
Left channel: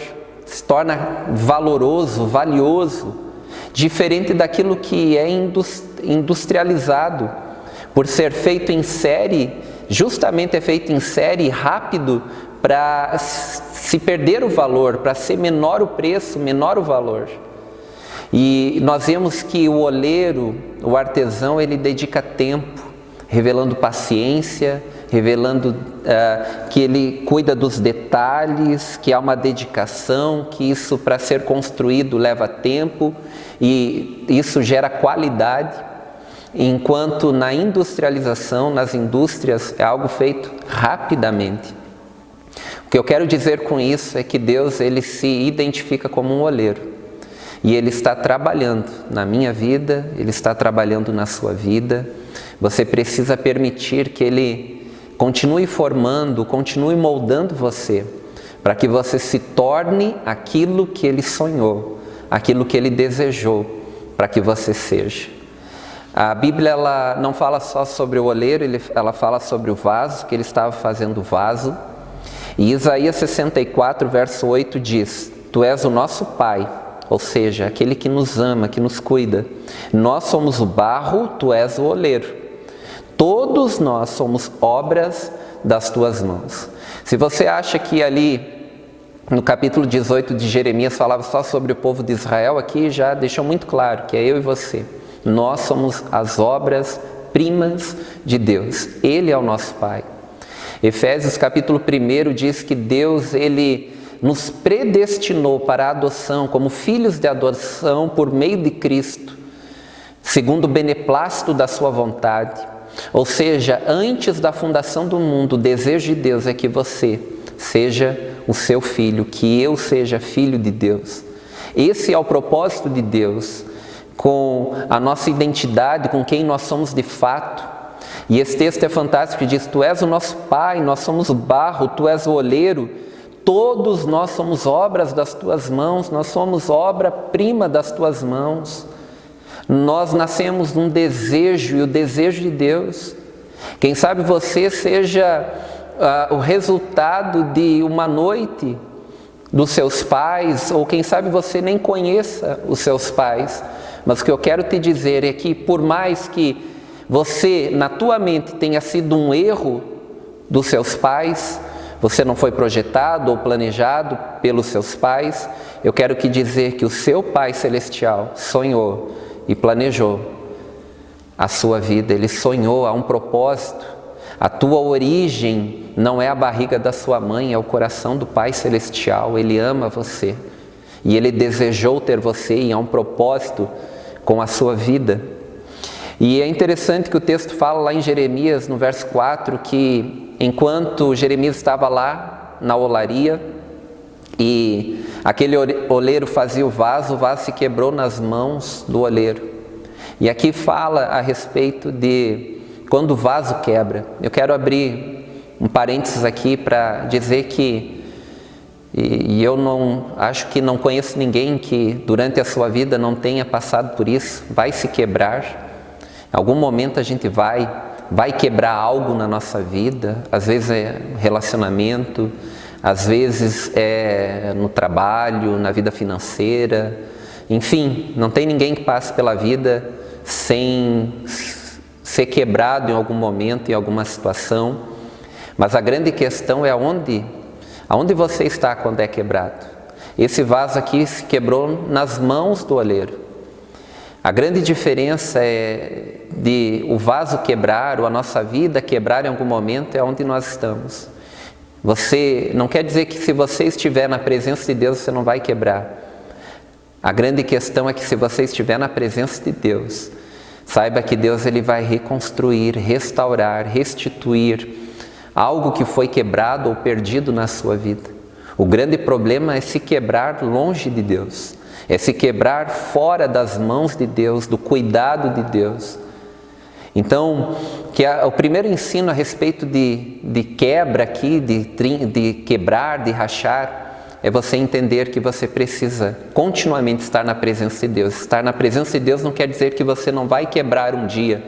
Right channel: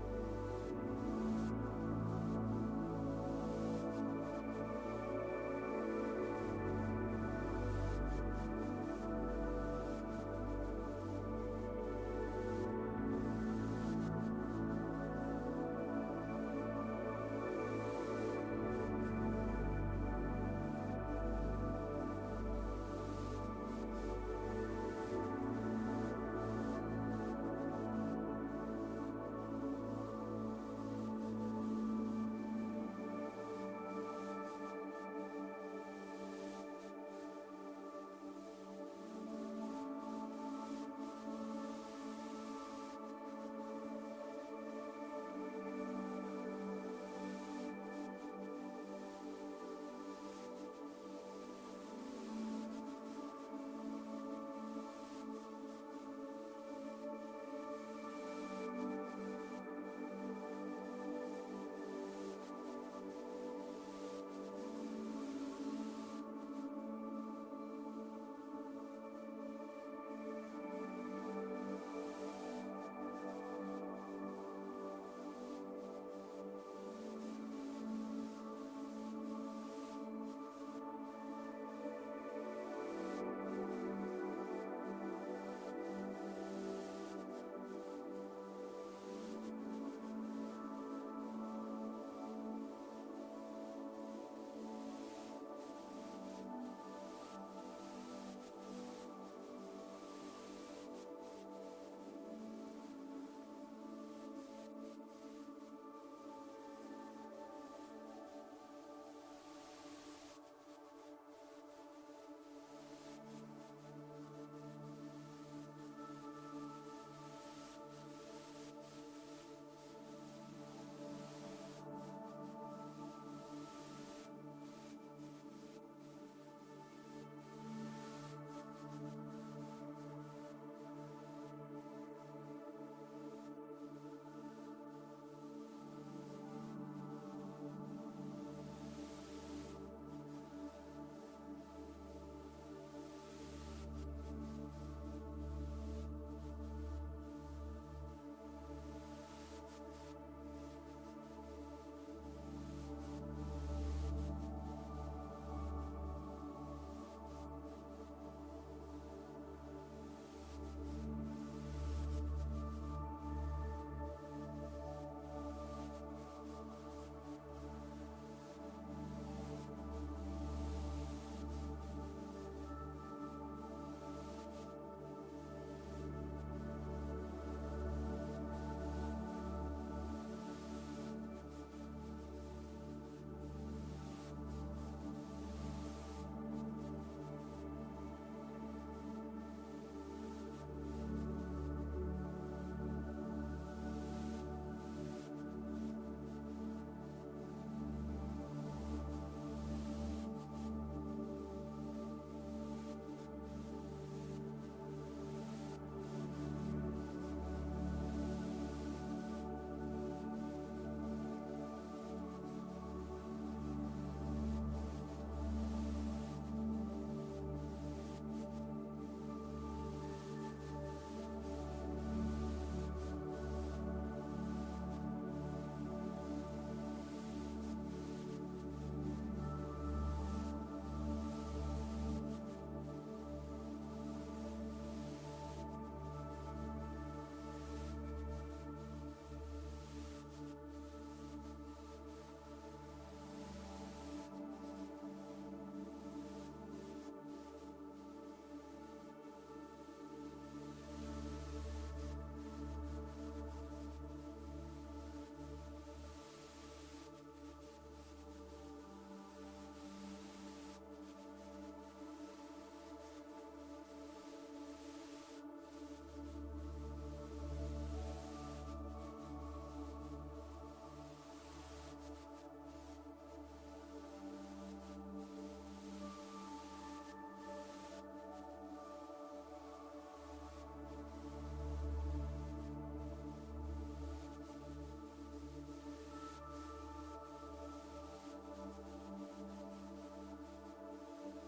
se torna valoroso, valioso, diferente daquilo que é industrializado. Por ser feito em série, justamente é feito em série rápido para se perder o valor, para ser menor o preço, menor o valor. E nós vemos que o oleiro, o artesão, ele dedica tempo, revelando paciência, revelando que ele cuida dos detalhes, que há uma dedicação, que isso para ser construído leva tempo e isso gera qualidade, enquanto na industrialização, nas indústrias, é algo feito rapidamente. O que eu quero dizer com isso é que Deus ele se identifica como um oleiro e Ele está trabalhando na minha vida, Ele está trabalhando na sua vida. Você precisa permitir que Ele continue formando, continue moldando você, para que você se torne aquilo que Ele sonhou, aquilo que Ele desejou, para que você seja. A Bíblia ela não fala só sobre o oleiro, ela fala sobre o vaso, que ele estava fazendo o vaso. E Isaías 64, verso 8 diz: Tu és o nosso Pai, ou seja, aquele que nos ama, que nos cuida. Nós somos o barro, Tu és o oleiro. Todos nós somos obras das Tuas mãos. Se você acha que ali no capítulo 18 de Jeremias falava só sobre o povo de Israel, aqui já deixou muito claro que é eu e você. Nós somos as obras-primas de Deus. Ele é o nosso Pai. Efésios capítulo 1 diz que Deus, Ele nos predestinou para a adoção como filhos de adoção por meio de Cristo, segundo o beneplácito da sua vontade. Ou seja, antes da fundação do mundo, o desejo de Deus é que você seja o seu filho, que eu seja filho de Deus. Esse é o propósito de Deus com a nossa identidade, com quem nós somos de fato. E esse texto é fantástico, diz: Tu és o nosso Pai, nós somos o barro, Tu és o oleiro, todos nós somos obras das Tuas mãos, nós somos obra-prima das Tuas mãos. Nós nascemos num desejo, e o desejo de Deus. Quem sabe você seja o resultado de uma noite dos seus pais, ou quem sabe você nem conheça os seus pais. Mas o que eu quero te dizer é que por mais que você, na tua mente, tenha sido um erro dos seus pais, você não foi projetado ou planejado pelos seus pais, eu quero te dizer que o seu Pai Celestial sonhou e planejou a sua vida, Ele sonhou, há um propósito. A tua origem não é a barriga da sua mãe, é o coração do Pai Celestial. Ele ama você e Ele desejou ter você e há um propósito com a sua vida. E é interessante que o texto fala lá em Jeremias, no verso 4, que enquanto Jeremias estava lá na olaria e aquele oleiro fazia o vaso se quebrou nas mãos do oleiro. E aqui fala a respeito de quando o vaso quebra. Eu quero abrir um parênteses aqui para dizer que, e eu não acho que não conheço ninguém que durante a sua vida não tenha passado por isso, vai se quebrar. Em algum momento a gente vai quebrar algo na nossa vida, às vezes é relacionamento, às vezes é no trabalho, na vida financeira, enfim, não tem ninguém que passe pela vida sem ser quebrado em algum momento, em alguma situação, mas a grande questão é aonde você está quando é quebrado. Esse vaso aqui se quebrou nas mãos do oleiro. A grande diferença é de o vaso quebrar ou a nossa vida quebrar em algum momento é onde nós estamos. Você não quer dizer que se você estiver na presença de Deus você não vai quebrar. A grande questão é que se você estiver na presença de Deus, saiba que Deus ele vai reconstruir, restaurar, restituir algo que foi quebrado ou perdido na sua vida. O grande problema é se quebrar longe de Deus. É se quebrar fora das mãos de Deus, do cuidado de Deus. Então, o primeiro ensino a respeito de quebra aqui, de quebrar, de rachar, é você entender que você precisa continuamente estar na presença de Deus. Estar na presença de Deus não quer dizer que você não vai quebrar um dia,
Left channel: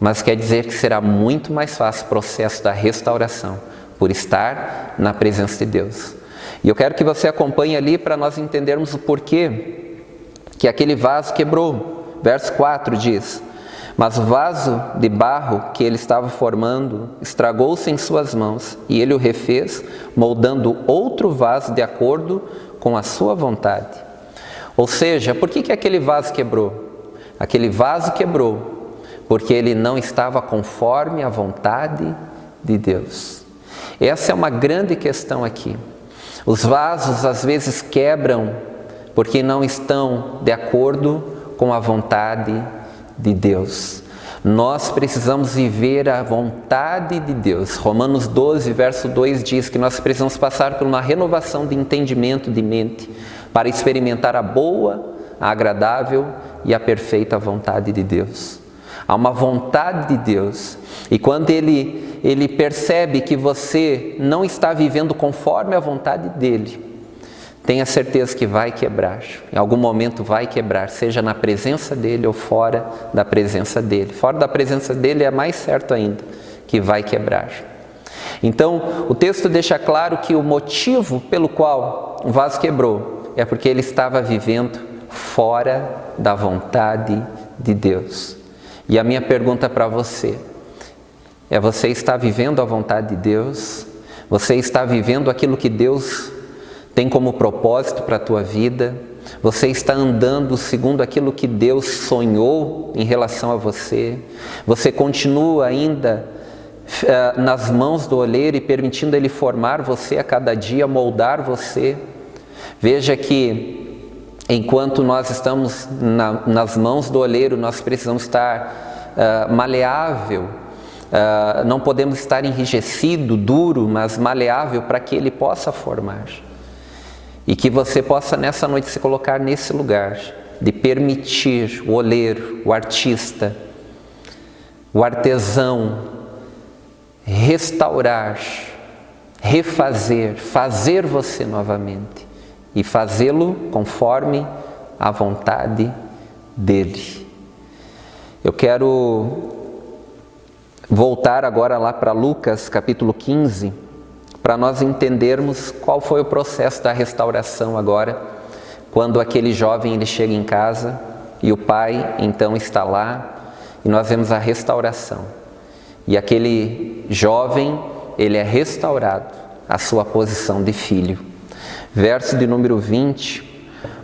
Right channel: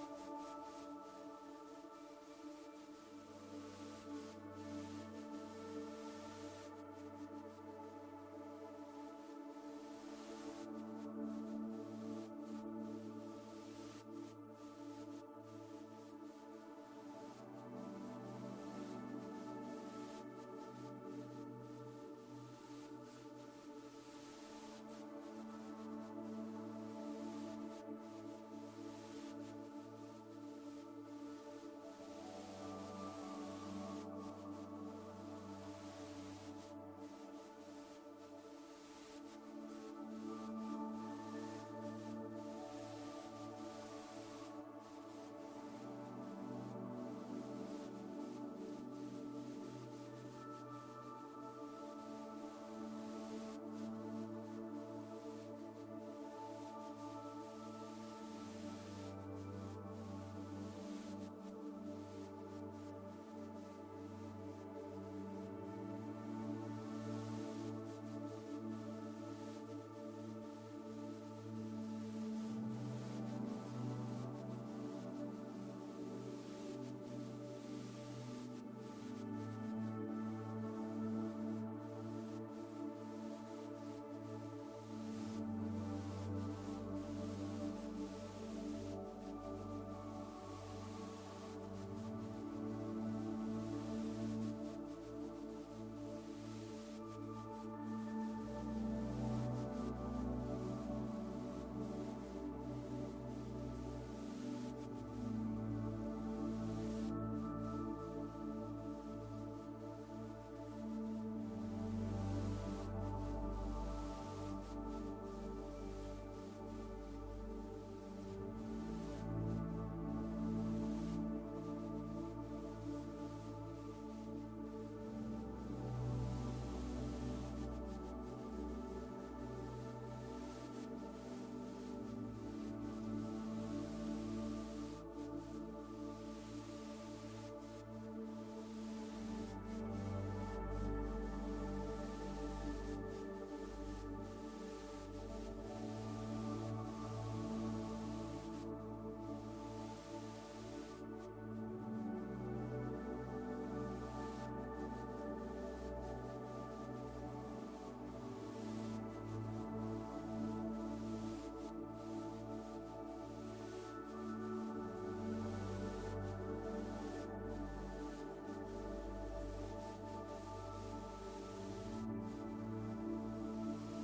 mas quer dizer que será muito mais fácil o processo da restauração, por estar na presença de Deus. E eu quero que você acompanhe ali para nós entendermos o porquê que aquele vaso quebrou. Verso 4 diz: mas o vaso de barro que ele estava formando estragou-se em suas mãos, e ele o refez, moldando outro vaso de acordo com a sua vontade. Ou seja, por que aquele vaso quebrou? Aquele vaso quebrou porque ele não estava conforme a vontade de Deus. Essa é uma grande questão aqui. Os vasos às vezes quebram porque não estão de acordo com a vontade de Deus. Nós precisamos viver a vontade de Deus. Romanos 12, verso 2 diz que nós precisamos passar por uma renovação de entendimento de mente para experimentar a boa, a agradável e a perfeita vontade de Deus. Há uma vontade de Deus, e quando Ele percebe que você não está vivendo conforme a vontade dEle, tenha certeza que vai quebrar, em algum momento vai quebrar, seja na presença dEle ou fora da presença dEle. Fora da presença dEle é mais certo ainda que vai quebrar. Então, o texto deixa claro que o motivo pelo qual o vaso quebrou é porque ele estava vivendo fora da vontade de Deus. E a minha pergunta para você é: você está vivendo a vontade de Deus? Você está vivendo aquilo que Deus tem como propósito para a tua vida? Você está andando segundo aquilo que Deus sonhou em relação a você? Você continua ainda nas mãos do oleiro e permitindo Ele formar você a cada dia, moldar você? Veja que enquanto nós estamos nas mãos do oleiro, nós precisamos estar maleável, não podemos estar enrijecido, duro, mas maleável para que Ele possa formar. E que você possa nessa noite se colocar nesse lugar, de permitir o oleiro, o artista, o artesão, restaurar, refazer, fazer você novamente. E fazê-lo conforme a vontade dEle. Eu quero voltar agora lá para Lucas capítulo 15, para nós entendermos qual foi o processo da restauração agora, quando aquele jovem ele chega em casa e o pai então está lá e nós vemos a restauração. E aquele jovem, ele é restaurado à sua posição de filho. Verso de número 20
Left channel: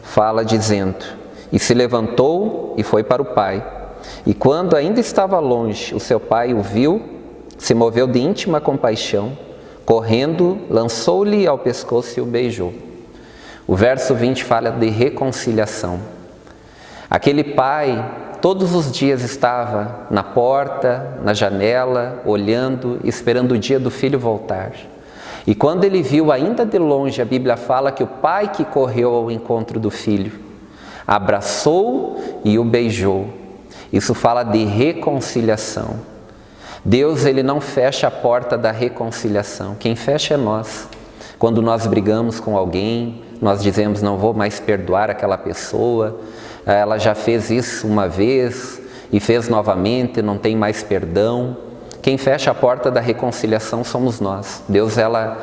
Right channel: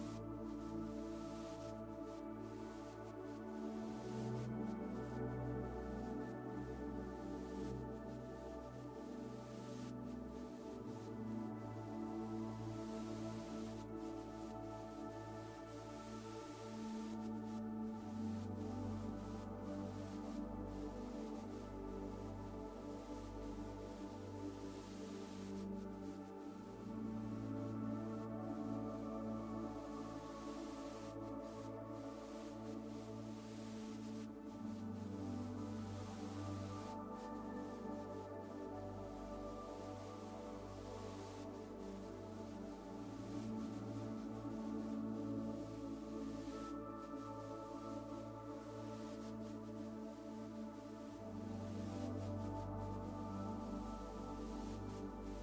fala dizendo: e se levantou e foi para o pai. E quando ainda estava longe, o seu pai o viu se moveu de íntima compaixão, correndo, lançou-lhe ao pescoço e o beijou. O verso 20 fala de reconciliação. Aquele pai, todos os dias estava na porta, na janela, olhando, esperando o dia do filho voltar. E quando ele viu ainda de longe, a Bíblia fala que o pai que correu ao encontro do filho, abraçou e o beijou. Isso fala de reconciliação. Deus, ele não fecha a porta da reconciliação. Quem fecha é nós. Quando nós brigamos com alguém, nós dizemos, não vou mais perdoar aquela pessoa, ela já fez isso uma vez e fez novamente, não tem mais perdão. Quem fecha a porta da reconciliação somos nós. Deus, ela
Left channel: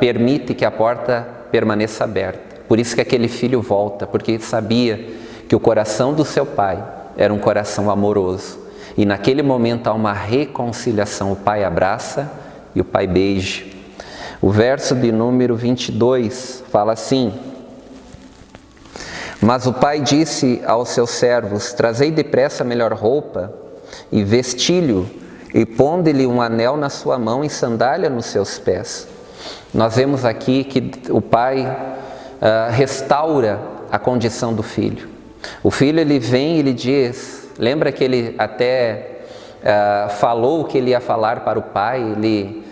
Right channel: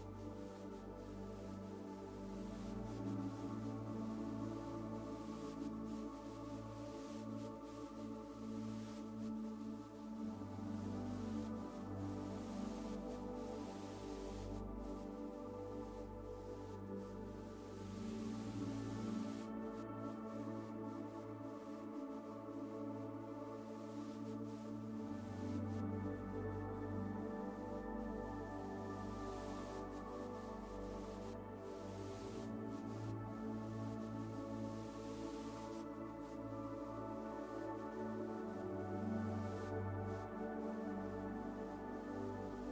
permite que a porta permaneça aberta. Por isso que aquele filho volta, porque sabia que o coração do seu pai era um coração amoroso. E naquele momento há uma reconciliação, o pai abraça e o pai beija. O verso de número 22 fala assim: mas o pai disse aos seus servos, trazei depressa a melhor roupa e vestilho, e ponde-lhe um anel na sua mão e sandália nos seus pés. Nós vemos aqui que o pai restaura a condição do filho. O filho, ele vem e ele diz, lembra que ele até falou o que ele ia falar para o pai, ele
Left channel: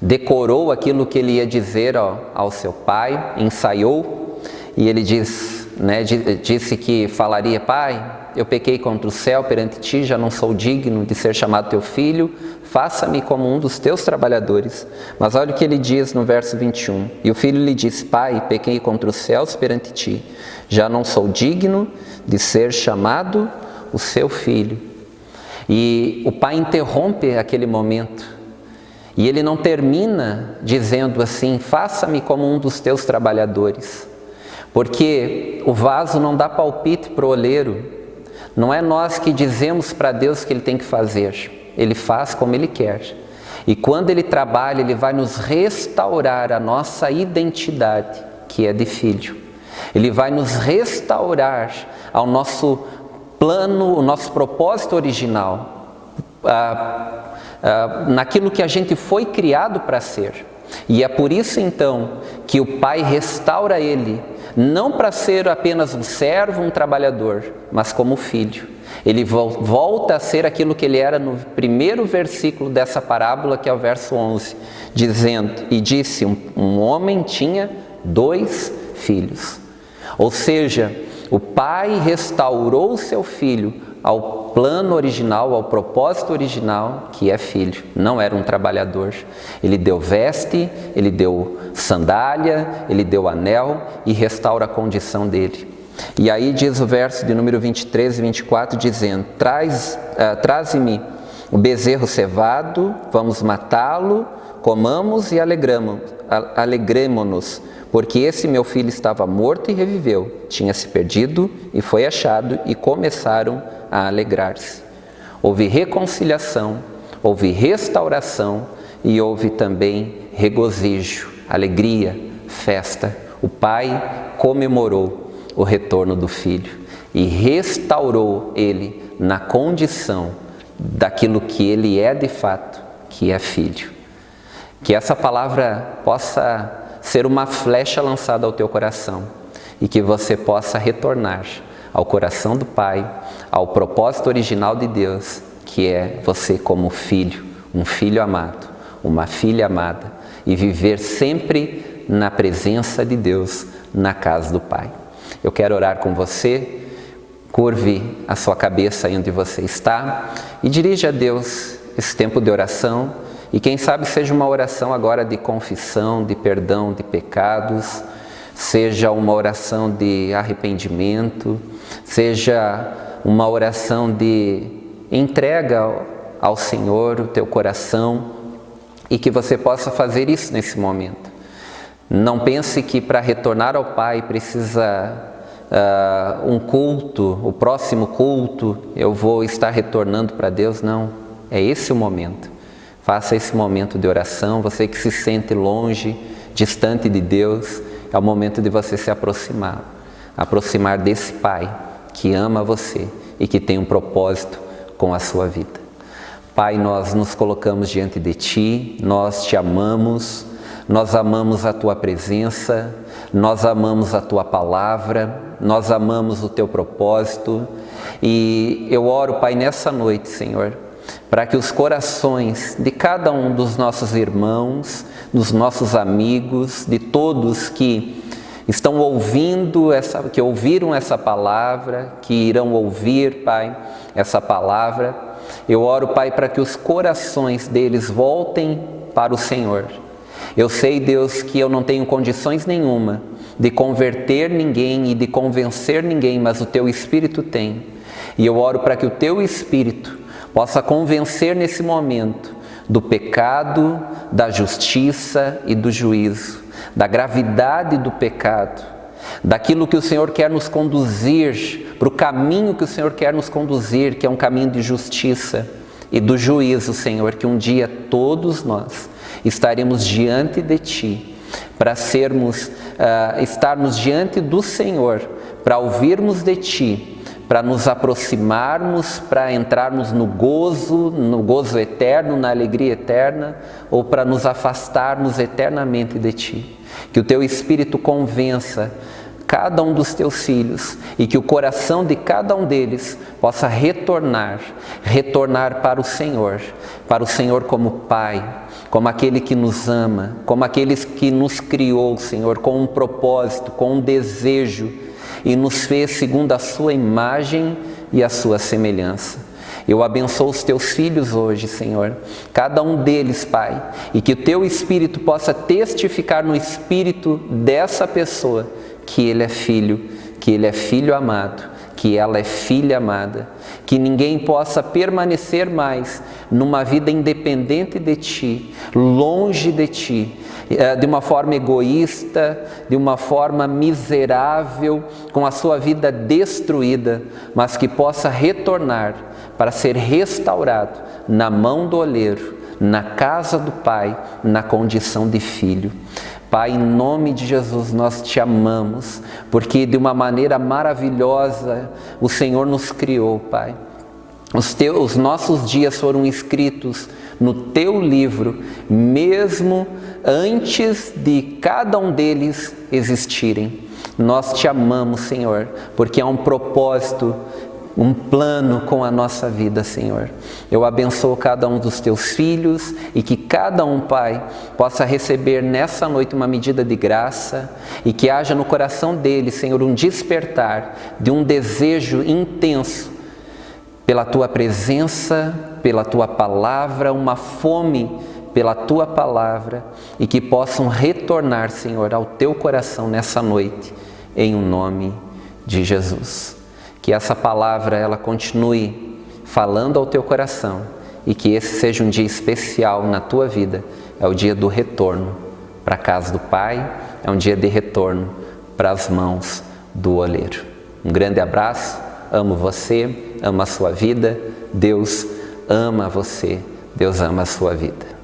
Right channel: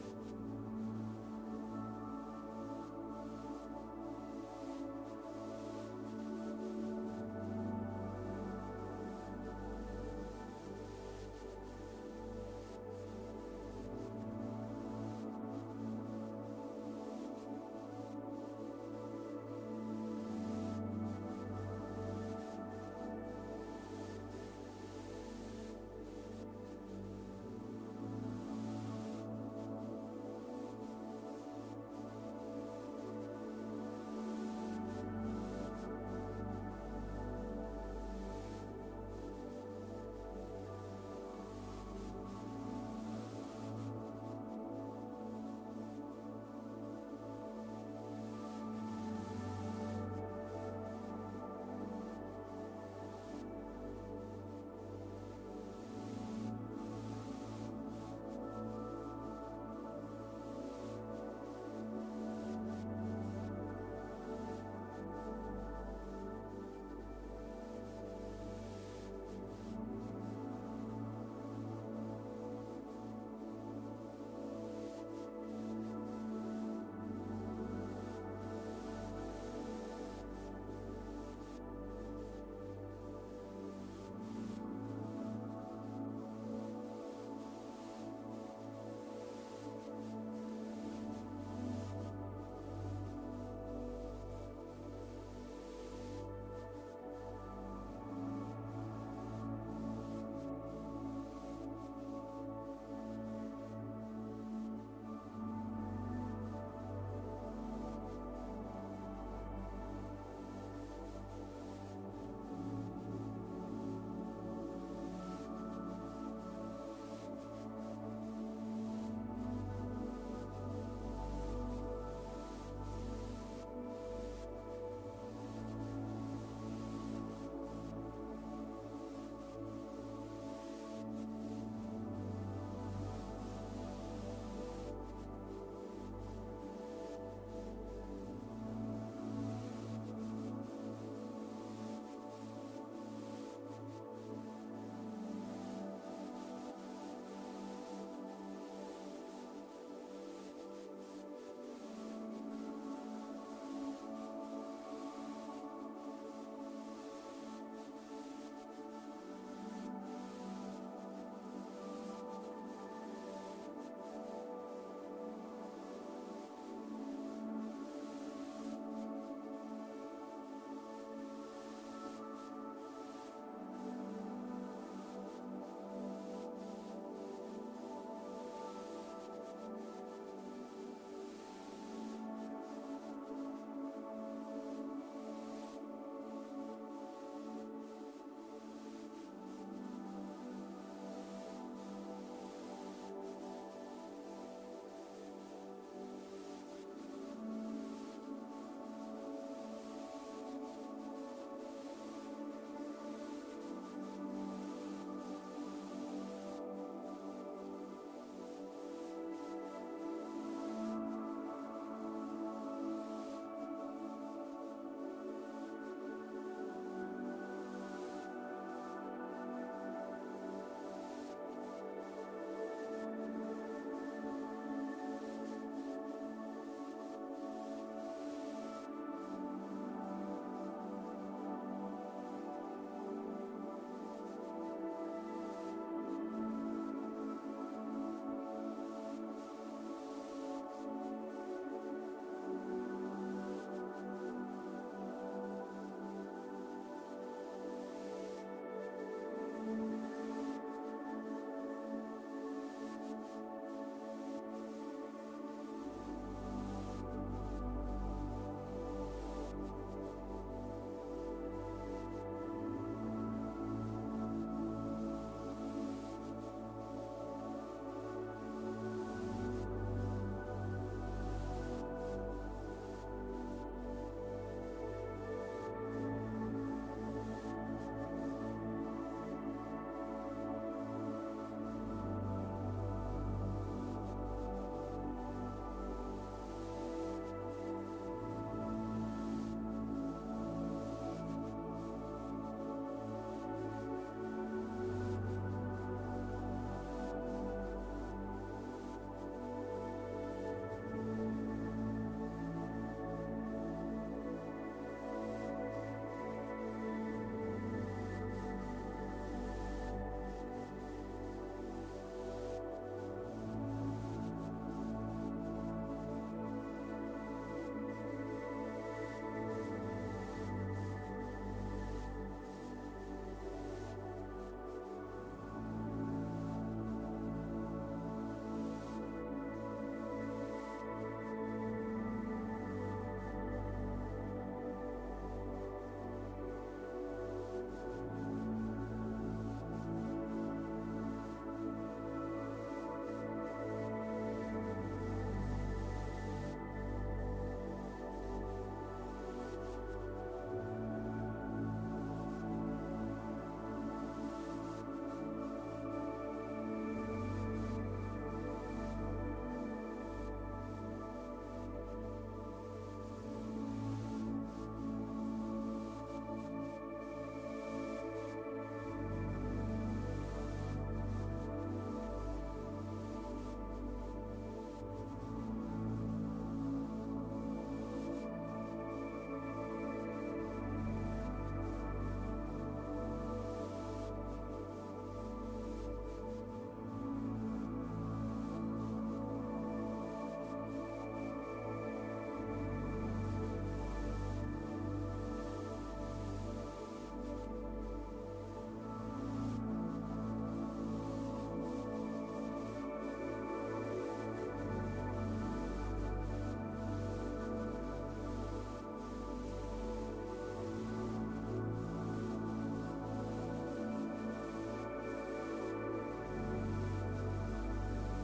decorou aquilo que ele ia dizer ao seu pai, ensaiou, e ele disse que falaria, pai, eu pequei contra o céu perante ti, já não sou digno de ser chamado teu filho, faça-me como um dos teus trabalhadores. Mas olha o que ele diz no verso 21, e o filho lhe disse, pai, pequei contra os céus perante ti, já não sou digno de ser chamado o seu filho. E o pai interrompe aquele momento, e ele não termina dizendo assim, faça-me como um dos teus trabalhadores, porque o vaso não dá palpite para o oleiro. Não é nós que dizemos para Deus o que Ele tem que fazer, Ele faz como Ele quer. E quando Ele trabalha, Ele vai nos restaurar a nossa identidade, que é de filho. Ele vai nos restaurar ao nosso plano, o nosso propósito original, naquilo que a gente foi criado para ser. E é por isso então que o pai restaura ele, não para ser apenas um servo, um trabalhador, mas como filho. Ele volta a ser aquilo que ele era no primeiro versículo dessa parábola, que é o verso 11, dizendo, e disse, um homem tinha 2 filhos. Ou seja, o pai restaurou o seu filho ao plano original, ao propósito original, que é filho, não era um trabalhador. Ele deu veste, ele deu sandália, ele deu anel e restaura a condição dele. E aí diz o verso de número 23 e 24, dizendo, traze-me o bezerro cevado, vamos matá-lo, comamos e alegremo-nos, porque esse meu filho estava morto e reviveu, tinha se perdido e foi achado, e começaram a alegrar-se. Houve reconciliação, houve restauração e houve também regozijo, alegria, festa. O pai comemorou o retorno do filho e restaurou ele na condição daquilo que ele é de fato, que é filho. Que essa palavra possa ser uma flecha lançada ao teu coração e que você possa retornar ao coração do Pai, ao propósito original de Deus, que é você como filho, um filho amado, uma filha amada, e viver sempre na presença de Deus, na casa do Pai. Eu quero orar com você, curve a sua cabeça aí onde você está e dirija a Deus esse tempo de oração, e quem sabe seja uma oração agora de confissão, de perdão de pecados, seja uma oração de arrependimento, seja uma oração de entrega ao Senhor o teu coração, e que você possa fazer isso nesse momento. Não pense que para retornar ao Pai precisa um culto, o próximo culto eu vou estar retornando para Deus, não. É esse o momento. Faça esse momento de oração. Você que se sente longe, distante de Deus, é o momento de você se aproximar desse Pai que ama você e que tem um propósito com a sua vida. Pai, nós nos colocamos diante de Ti, nós Te amamos, nós amamos a Tua presença, nós amamos a Tua palavra, nós amamos o Teu propósito e eu oro, Pai, nessa noite, Senhor, para que os corações de cada um dos nossos irmãos, dos nossos amigos, de todos que estão ouvindo, que ouviram essa palavra, que irão ouvir, Pai, essa palavra, eu oro, Pai, para que os corações deles voltem para o Senhor. Eu sei, Deus, que eu não tenho condições nenhuma de converter ninguém e de convencer ninguém, mas o Teu Espírito tem. E eu oro para que o Teu Espírito possa convencer nesse momento do pecado, da justiça e do juízo, da gravidade do pecado, daquilo que o Senhor quer nos conduzir, para o caminho que o Senhor quer nos conduzir, que é um caminho de justiça e do juízo, Senhor, que um dia todos nós estaremos diante de Ti, para estarmos diante do Senhor, para ouvirmos de Ti, para nos aproximarmos, para entrarmos no gozo eterno, na alegria eterna, ou para nos afastarmos eternamente de Ti. Que o Teu Espírito convença cada um dos Teus filhos e que o coração de cada um deles possa retornar para o Senhor como Pai, como aquele que nos ama, como aquele que nos criou, Senhor, com um propósito, com um desejo, e nos fez segundo a Sua imagem e a Sua semelhança. Eu abençoo os Teus filhos hoje, Senhor, cada um deles, Pai, e que o Teu Espírito possa testificar no espírito dessa pessoa que ele é filho amado, que ela é filha amada, que ninguém possa permanecer mais numa vida independente de Ti, longe de Ti, de uma forma egoísta, de uma forma miserável, com a sua vida destruída, mas que possa retornar para ser restaurado na mão do oleiro, na casa do Pai, na condição de filho. Pai, em nome de Jesus, nós Te amamos, porque de uma maneira maravilhosa o Senhor nos criou, Pai. Os nossos dias foram escritos no Teu livro, mesmo antes de cada um deles existirem. Nós Te amamos, Senhor, porque há um propósito, um plano com a nossa vida, Senhor. Eu abençoo cada um dos Teus filhos e que cada um, Pai, possa receber nessa noite uma medida de graça e que haja no coração deles, Senhor, um despertar de um desejo intenso pela Tua presença, pela Tua palavra, uma fome pela Tua palavra e que possam retornar, Senhor, ao Teu coração nessa noite, em nome de Jesus. Que essa palavra ela continue falando ao teu coração e que esse seja um dia especial na tua vida. É o dia do retorno para a casa do Pai, é um dia de retorno para as mãos do oleiro. Um grande abraço, amo você, amo a sua vida, Deus ama você, Deus ama a sua vida.